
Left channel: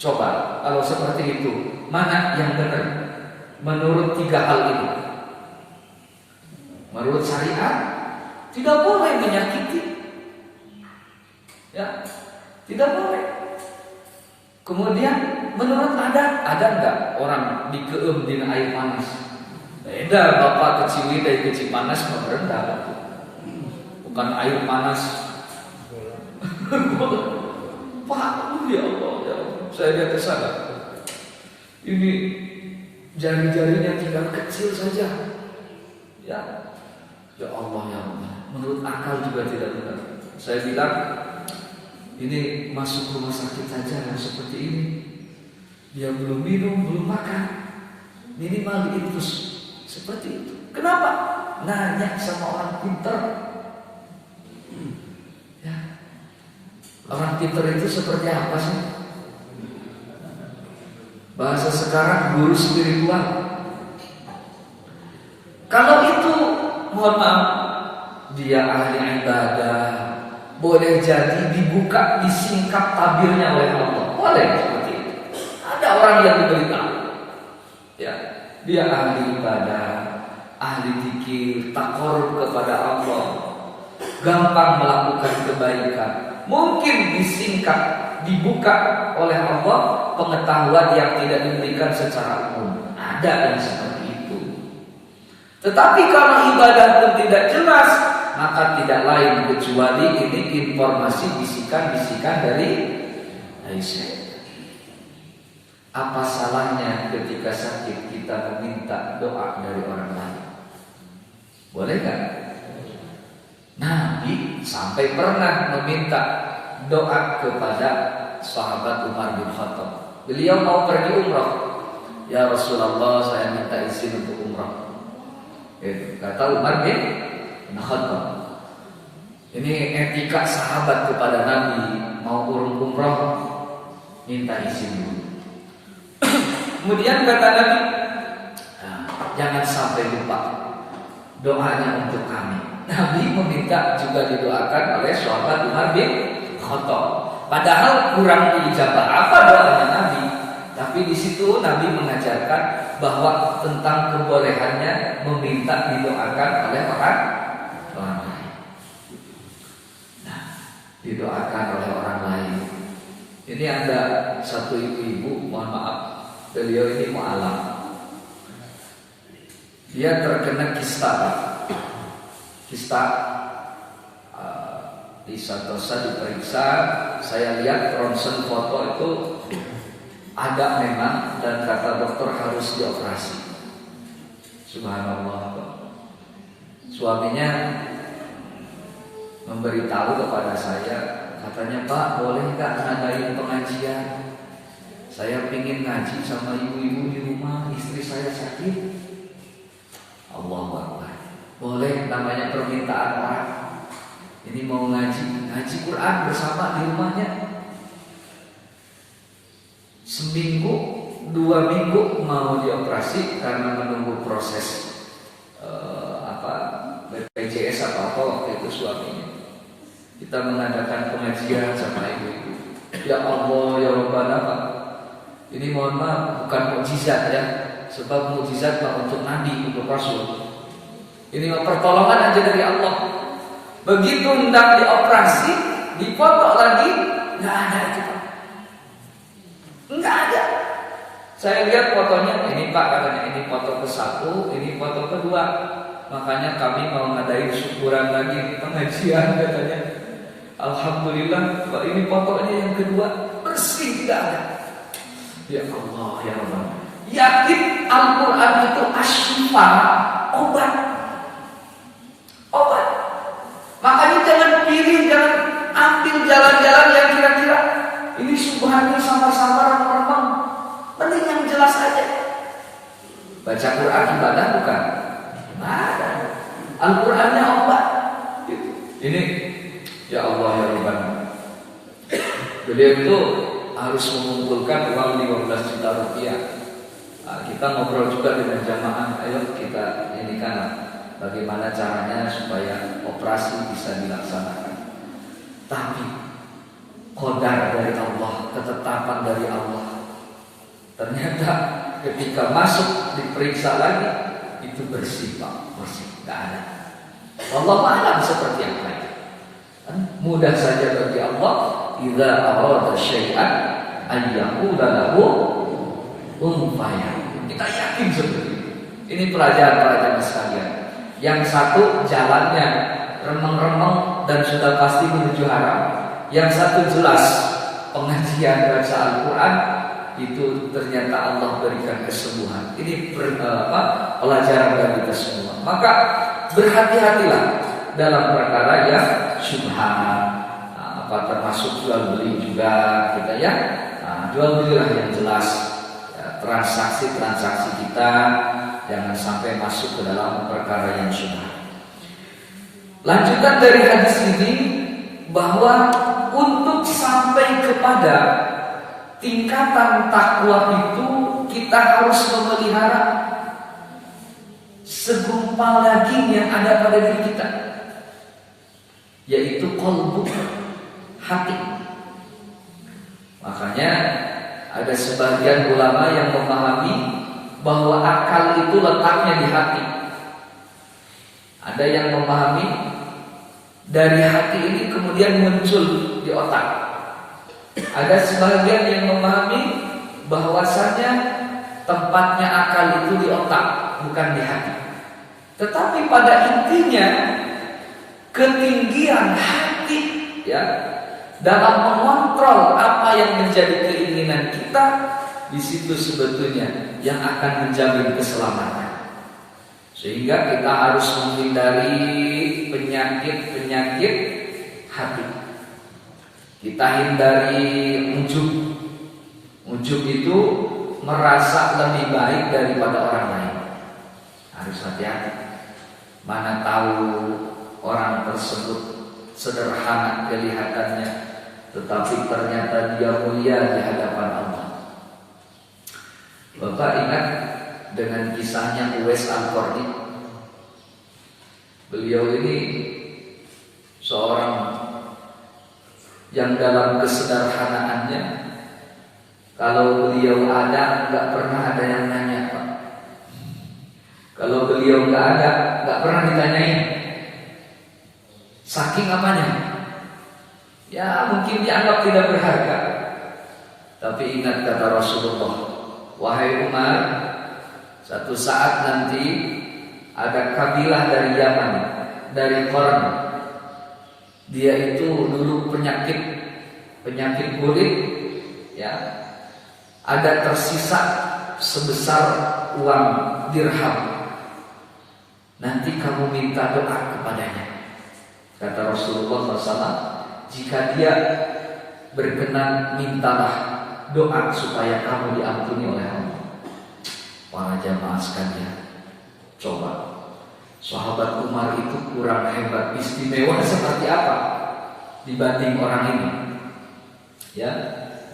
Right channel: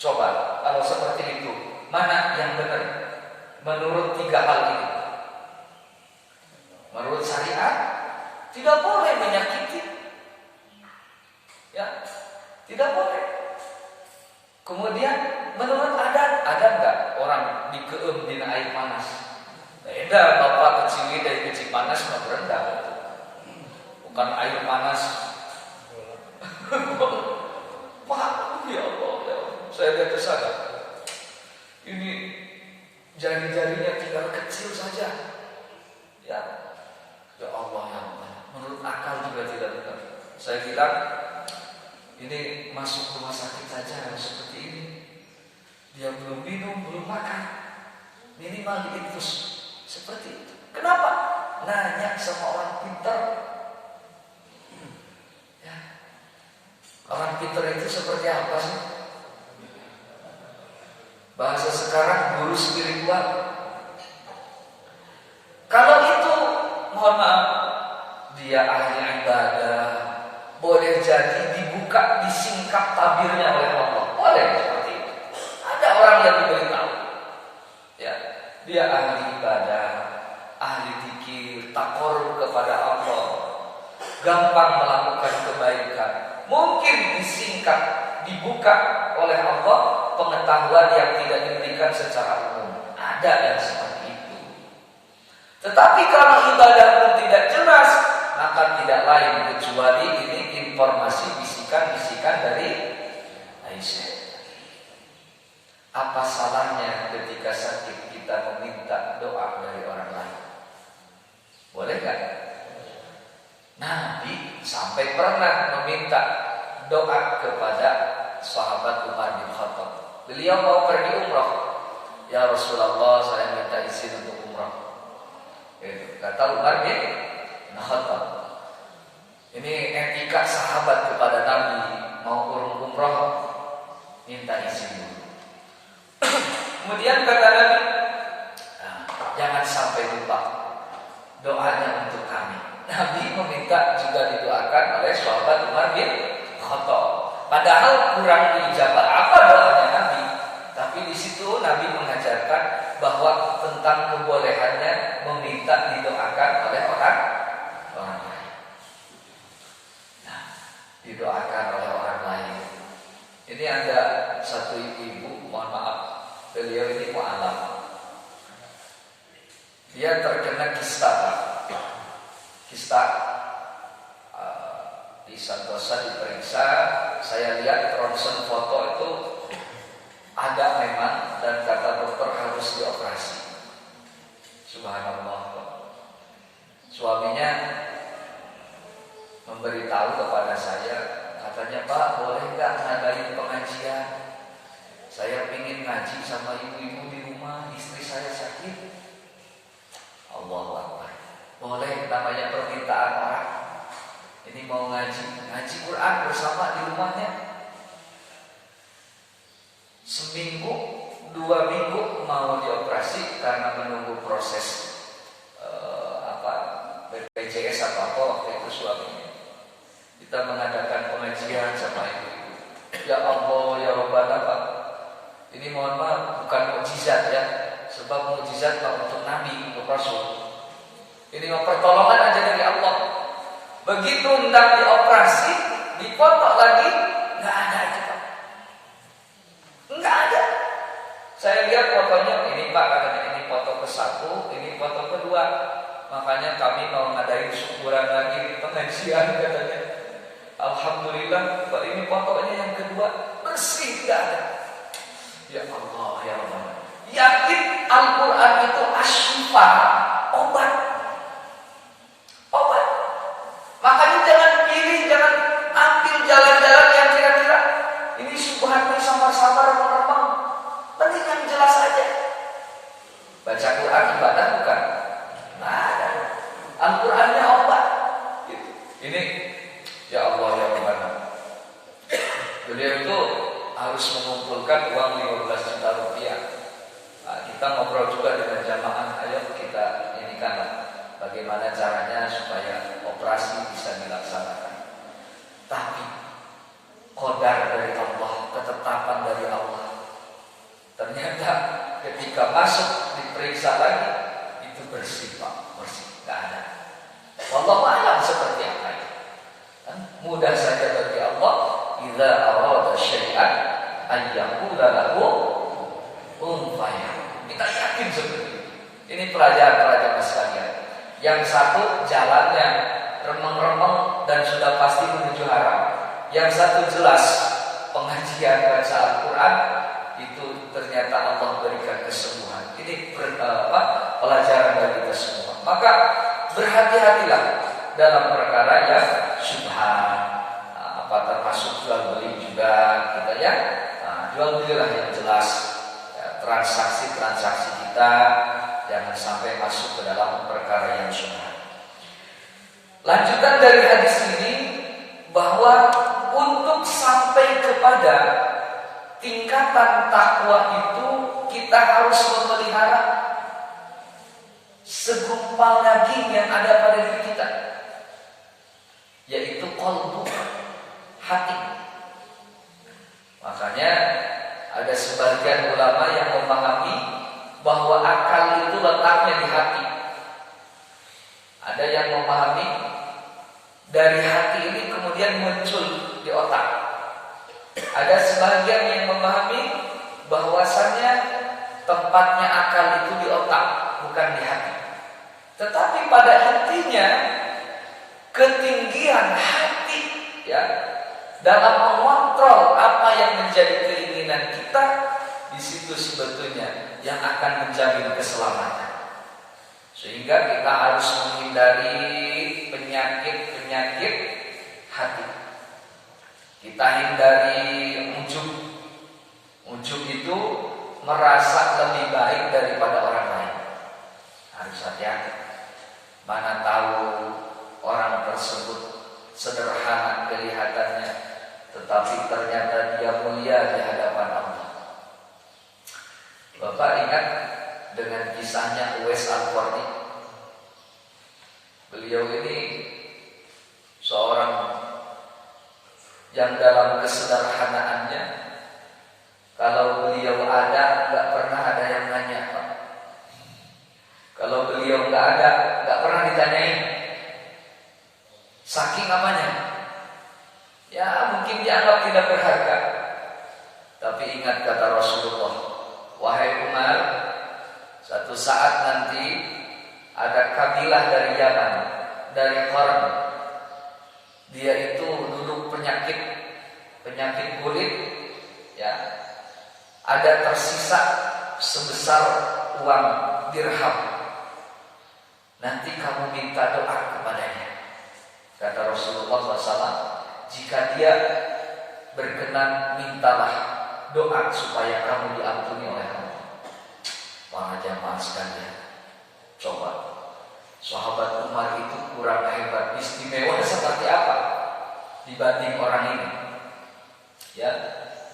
Coba kalau seperti itu, mana yang benar menurut 3 hal ini? Menurut syariat tidak boleh menyakiti, ya, tidak boleh. Kemudian menurut adat, ada nggak orang dikeum di air panas? Beda, bapak keciwi dari kecil panas nggak berendah, bukan air panas. Pak, ya Allah, saya lihat kesana. Ini jari-jarinya tinggal kecil saja, ya. Ya Allah ya Allah. Menurut akal juga tidak benar. Saya bilang Ini masuk rumah sakit saja seperti ini. Dia belum minum, belum makan, minimal diinfus seperti itu. Kenapa? Nanya sama orang pintar. Ya. Orang pintar itu seperti apa sih? Bahasa sekarang guru spiritual. Kalau itu, mohon maaf, dia ahli ibadah, boleh jadi dibuka, disingkap tabirnya oleh Allah. Boleh seperti itu. Ada orang yang diberitahu, ya, dia ahli ibadah, ahli zikir, takarrub kepada Allah, gampang melakukan kebaikan. Mungkin disingkap, dibuka oleh Allah pengetahuan yang tidak diberikan secara umum. Ada yang seperti itu. Tetapi kalau ibadah pun tidak jelas, maka tidak lain kecuali ini informasi bisikan-bisikan dari Aisyah. Apa salahnya ketika sakit kita meminta doa dari orang lain? Boleh kan? Nabi sampai pernah meminta doa kepada sahabat Umar bin Khattab. Beliau mau pergi umrah. Ya Rasulullah, saya minta izin untuk umrah. Kata Umar bin Khattab. Ini etika sahabat kepada Nabi, mau umrah minta izin dulu. Kemudian kata Nabi, jangan sampai lupa doanya untuk kami. Nabi meminta juga didoakan oleh sahabat Umar bin Khattab. Padahal kurang diijabah apa doanya Nabi, tapi di situ Nabi mengajarkan bahwa tentang kebolehannya meminta didoakan oleh orang lain. Nah, didoakan oleh orang lain. Ini ada satu ibu-ibu, mohon maaf, beliau ini mu'alaf. Dia terkena kista, Pak. Kista di Santosa diperiksa. Saya lihat ronsen foto itu ada memang, dan kata dokter harus dioperasi. Subhanallah. Suaminya memberitahu kepada saya, katanya, Pak, boleh nggak ngadain pengajian? Saya pingin ngaji sama ibu-ibu di rumah, istri saya sakit. Allahu Akbar. Boleh, namanya permintaan orang. Ini mau ngaji Quran bersama di rumahnya. Seminggu, 2 minggu mau dioperasi karena menunggu proses BPJS atau apa waktu itu suaminya. Kita mengadakan pengajian sama ibu-ibu. Ya Allah, ya Rabbana, Pak. Ini mohon maaf, bukan mukjizat ya. Sebab mukjizat untuk Nabi, untuk Rasul. Ini pertolongan aja dari Allah. Begitu hendak dioperasi, dipoto lagi, nggak ada itu, Pak. Nggak ada. Saya lihat fotonya, ini Pak katanya, ini foto ke-1, ini foto kedua. Makanya kami mau ngadain syukuran lagi di pengajian katanya. Alhamdulillah, Pak, ini fotonya yang kedua, bersih, tidak ada. Ya Allah, ya Allah. Yakin Al-Quran itu asyifa, obat. Obat. Makanya jangan pilih, jangan ambil jalan-jalan yang kira-kira ini subhanallah samar-samar remang-remang. Mending yang jelas aja. Baca Quran ibadah bukan? Ibadah. Al-Qurannya obat. Ini ya Allah ya Rabbana. Beliau itu harus mengumpulkan uang 15 juta rupiah. Nah, kita ngobrol juga dengan jamaah, ayo kita ini kan bagaimana caranya supaya operasi bisa dilaksanakan. Tapi qadar dari Allah, ketetapan dari Allah. Ternyata ketika masuk diperiksa lagi itu bersih, Pak, bersih, nggak ada. Wallahu a'lam seperti apa itu. Mudah saja bagi Allah, idza arada syai'an an yaqula lahu kun fayakun. Kita yakin seperti itu. Ini pelajaran sekalian. Yang satu jalannya remeng-remeng dan sudah pasti menuju haram. Yang satu jelas pengajian baca Al-Quran itu ternyata Allah berikan kesembuhan. Ini pelajaran bagi kita semua. Maka berhati-hatilah dalam perkara yang syubhat, termasuk termasuk jual beli juga kita ya. Jual belilah yang jelas, ya, transaksi kita jangan sampai masuk ke dalam perkara yang syubhat. Lanjutan dari hadis ini bahwa untuk sampai kepada tingkatan takwa itu kita harus memelihara segumpal daging yang ada pada diri kita, yaitu qalbu, hati. Makanya ada sebagian ulama yang memahami bahwa akal itu letaknya di hati. Ada yang memahami dari hati ini kemudian muncul di otak. Ada sebagian yang memahami bahwasanya tempatnya akal itu di otak, bukan di hati. Tetapi pada intinya ketinggian hati ya dalam mengontrol apa yang menjadi keinginan kita, di situ sebetulnya yang akan menjamin keselamatan. Sehingga kita harus menghindari penyakit hati. Kita hindari ujub. Ujub itu merasa lebih baik daripada orang lain. Harus hati-hati. Mana tahu orang tersebut sederhana kelihatannya, tetapi ternyata dia mulia di hadapan Allah. Bapak ingat dengan kisahnya Uwais Al-Qarni? Beliau ini seorang yang dalam kesederhanaannya, kalau beliau ada, nggak pernah ada yang nanya, Pak. Kalau beliau nggak ada, nggak pernah ditanyain. Saking apanya? Ya mungkin dianggap tidak berharga. Tapi ingat kata Rasulullah, wahai Umar, satu saat nanti ada kabilah dari Yaman, dari Qarn. Dia itu dulu penyakit kulit, ya. Ada tersisa sebesar uang dirham. Nanti kamu minta doa kepadanya. Kata Rasulullah SAW, jika dia berkenan, mintalah doa supaya kamu diampuni oleh Allah. Para jamaah sekalian, coba sahabat Umar itu kurang hebat, istimewa seperti apa dibanding orang ini? Ya,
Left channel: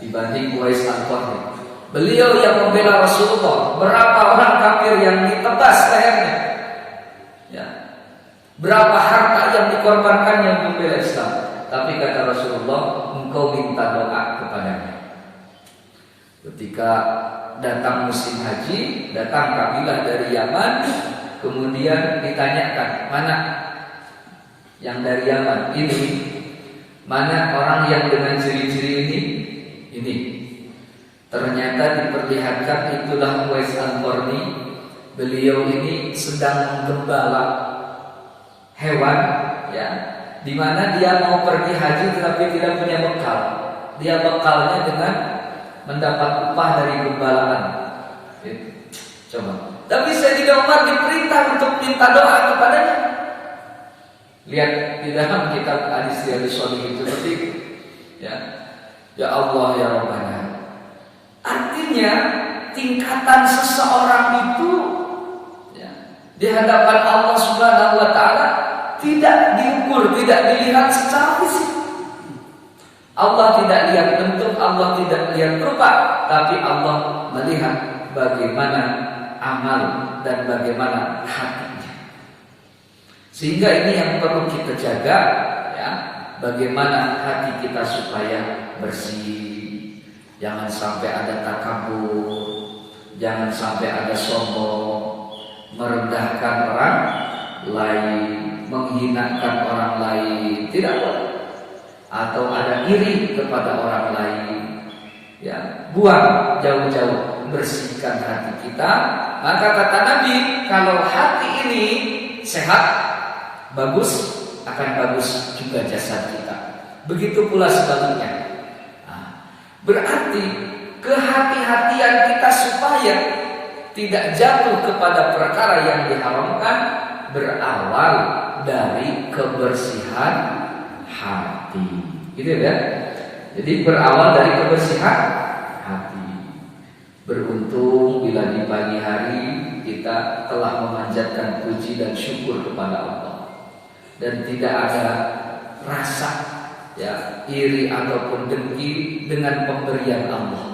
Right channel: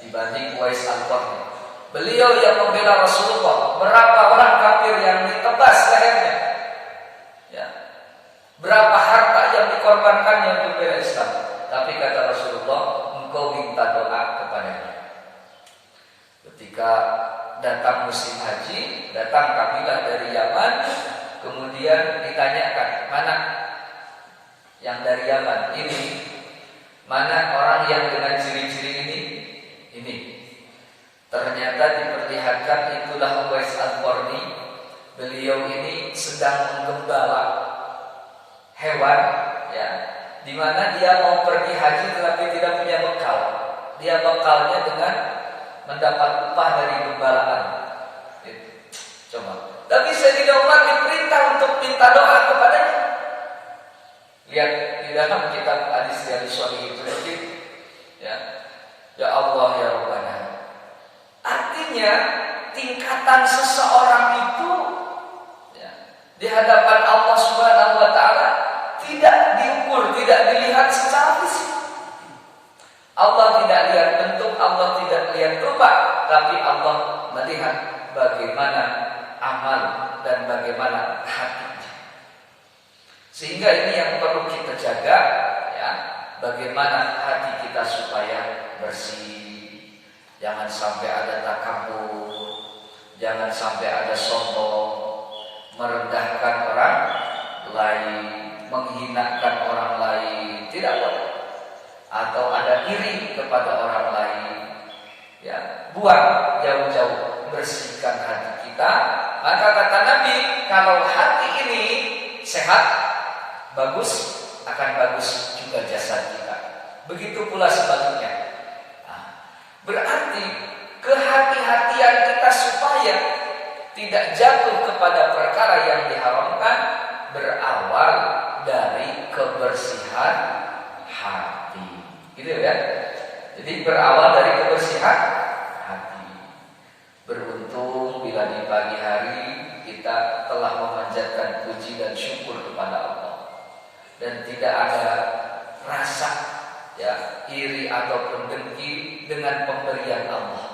dibanding Uwais Al-Qarni. Beliau yang membela Rasulullah, berapa orang kafir yang ditebas lehernya? Ya. Berapa harta yang dikorbankannya untuk membela Islam? Tapi kata Rasulullah, engkau minta doa kepadanya. Ketika datang musim haji, datang kabilah dari Yaman, kemudian ditanyakan, mana yang dari Yaman ini? Mana orang yang dengan ciri-ciri ini? Ini. Ternyata diperlihatkan itulah Uwais Al-Qarni. Beliau ini sedang menggembala hewan, ya, di mana dia mau pergi haji tetapi tidak punya bekal. Dia bekalnya dengan mendapat upah dari gembalaan. Coba. Tapi Sayyidina Umar diperintah untuk minta doa kepadanya. Lihat di dalam kitab hadis Riyadhus Shalihin itu seperti ya. Ya Allah ya Rabbana. Artinya tingkatan seseorang itu ya, di hadapan Allah Subhanahu wa taala tidak diukur, tidak dilihat secara fisik. Allah tidak lihat bentuk, Allah tidak lihat rupa, tapi Allah melihat bagaimana amal dan bagaimana hatinya. Sehingga ini yang perlu kita jaga, ya, bagaimana hati kita supaya bersih. Jangan sampai ada takabur, jangan sampai ada sombong, merendahkan orang lain, menghinakan orang lain, tidak boleh. Atau ada iri kepada orang lain, ya, buang jauh-jauh, bersihkan hati kita. Maka kata Nabi, kalau hati ini sehat, bagus, akan bagus juga jasad kita. Begitu pula sebaliknya. Berarti kehati-hatian kita supaya tidak jatuh kepada perkara yang diharamkan berawal dari kebersihan hati. gitu ya. Jadi berawal dari kebersihan hati. Beruntung bila di pagi hari kita telah memanjatkan puji dan syukur kepada Allah dan tidak ada rasa ya iri ataupun dengki dengan pemberian Allah.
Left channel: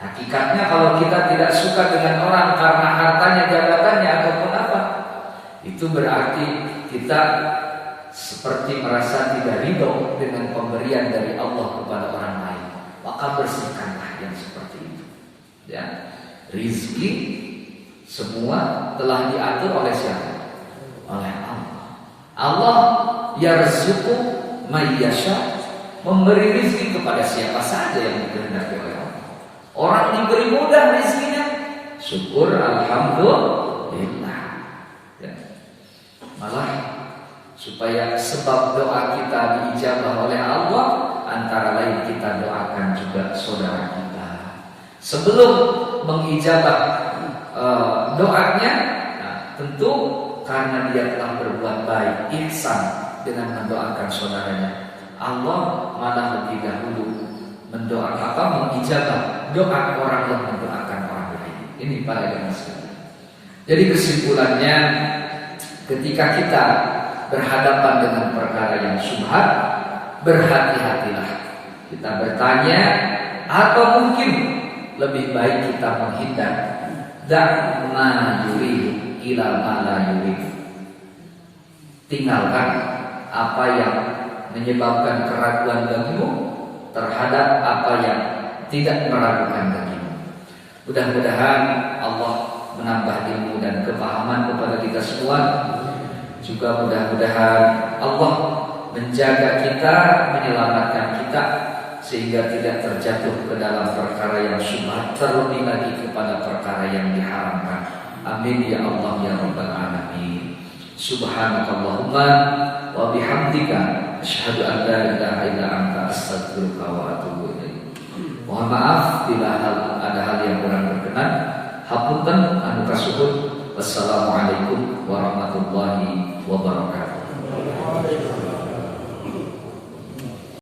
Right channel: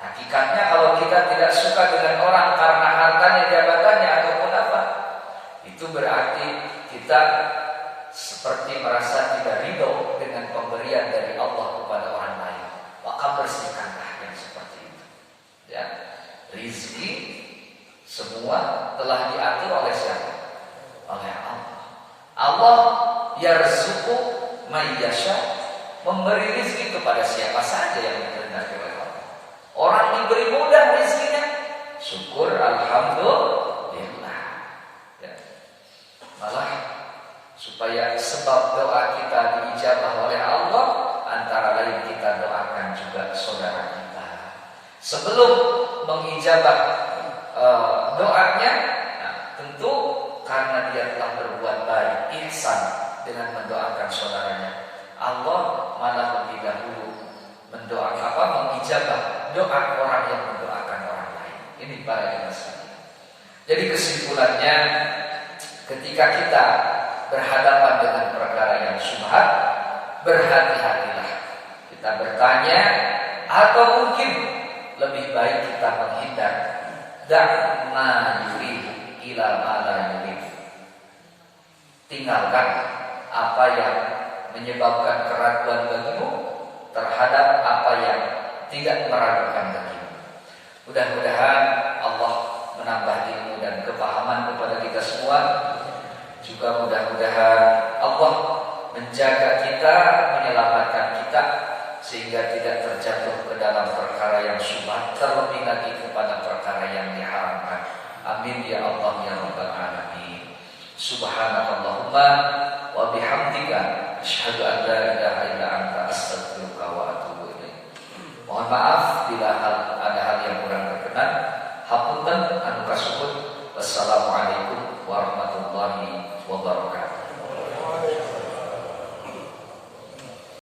Hakikatnya kalau kita tidak suka dengan orang karena hartanya, jabatannya ataupun apa, itu berarti kita seperti merasa tidak ridho dengan pemberian dari Allah kepada orang lain. Maka bersihkanlah yang seperti itu. Ya, rizki semua telah diatur oleh siapa? Oleh Allah. Allah yarzuqu may yasha, memberi rizki kepada siapa saja yang dikehendaki oleh Allah. Orang diberi mudah rizkinya, syukur alhamdulillah. Ya. Malah supaya sebab doa kita diijabah oleh Allah, antara lain kita doakan juga saudara kita. Sebelum mengijabah doanya, nah, tentu karena dia telah berbuat baik, ihsan dengan mendoakan saudaranya, Allah malah lebih dahulu mengijabah doa orang yang mendoakan orang lain. Ini para jemaah sekalian. Jadi kesimpulannya, ketika kita berhadapan dengan perkara yang syubhat, berhati-hatilah. Kita bertanya, atau mungkin lebih baik kita menghindar. Da'ma yurid ila ma la yurid. Tinggalkan apa yang menyebabkan keraguan bagimu terhadap apa yang tidak meragukan bagimu. Mudah-mudahan Allah menambah ilmu dan kepahaman kepada kita semua. Juga mudah-mudahan Allah menjaga kita, menyelamatkan kita sehingga tidak terjatuh ke dalam perkara yang syubhat, terlebih lagi kepada perkara yang diharamkan. Amin ya Allah ya rabbal alamin. Subhanakallahumma wa bihamdika asyhadu an la ilaha illa anta astaghfiruka wa atubu ilaik. Mohon maaf bila ada hal yang kurang berkenan. Hapunten anu kasuhun. Wassalamualaikum warahmatullahi wabarakatuh.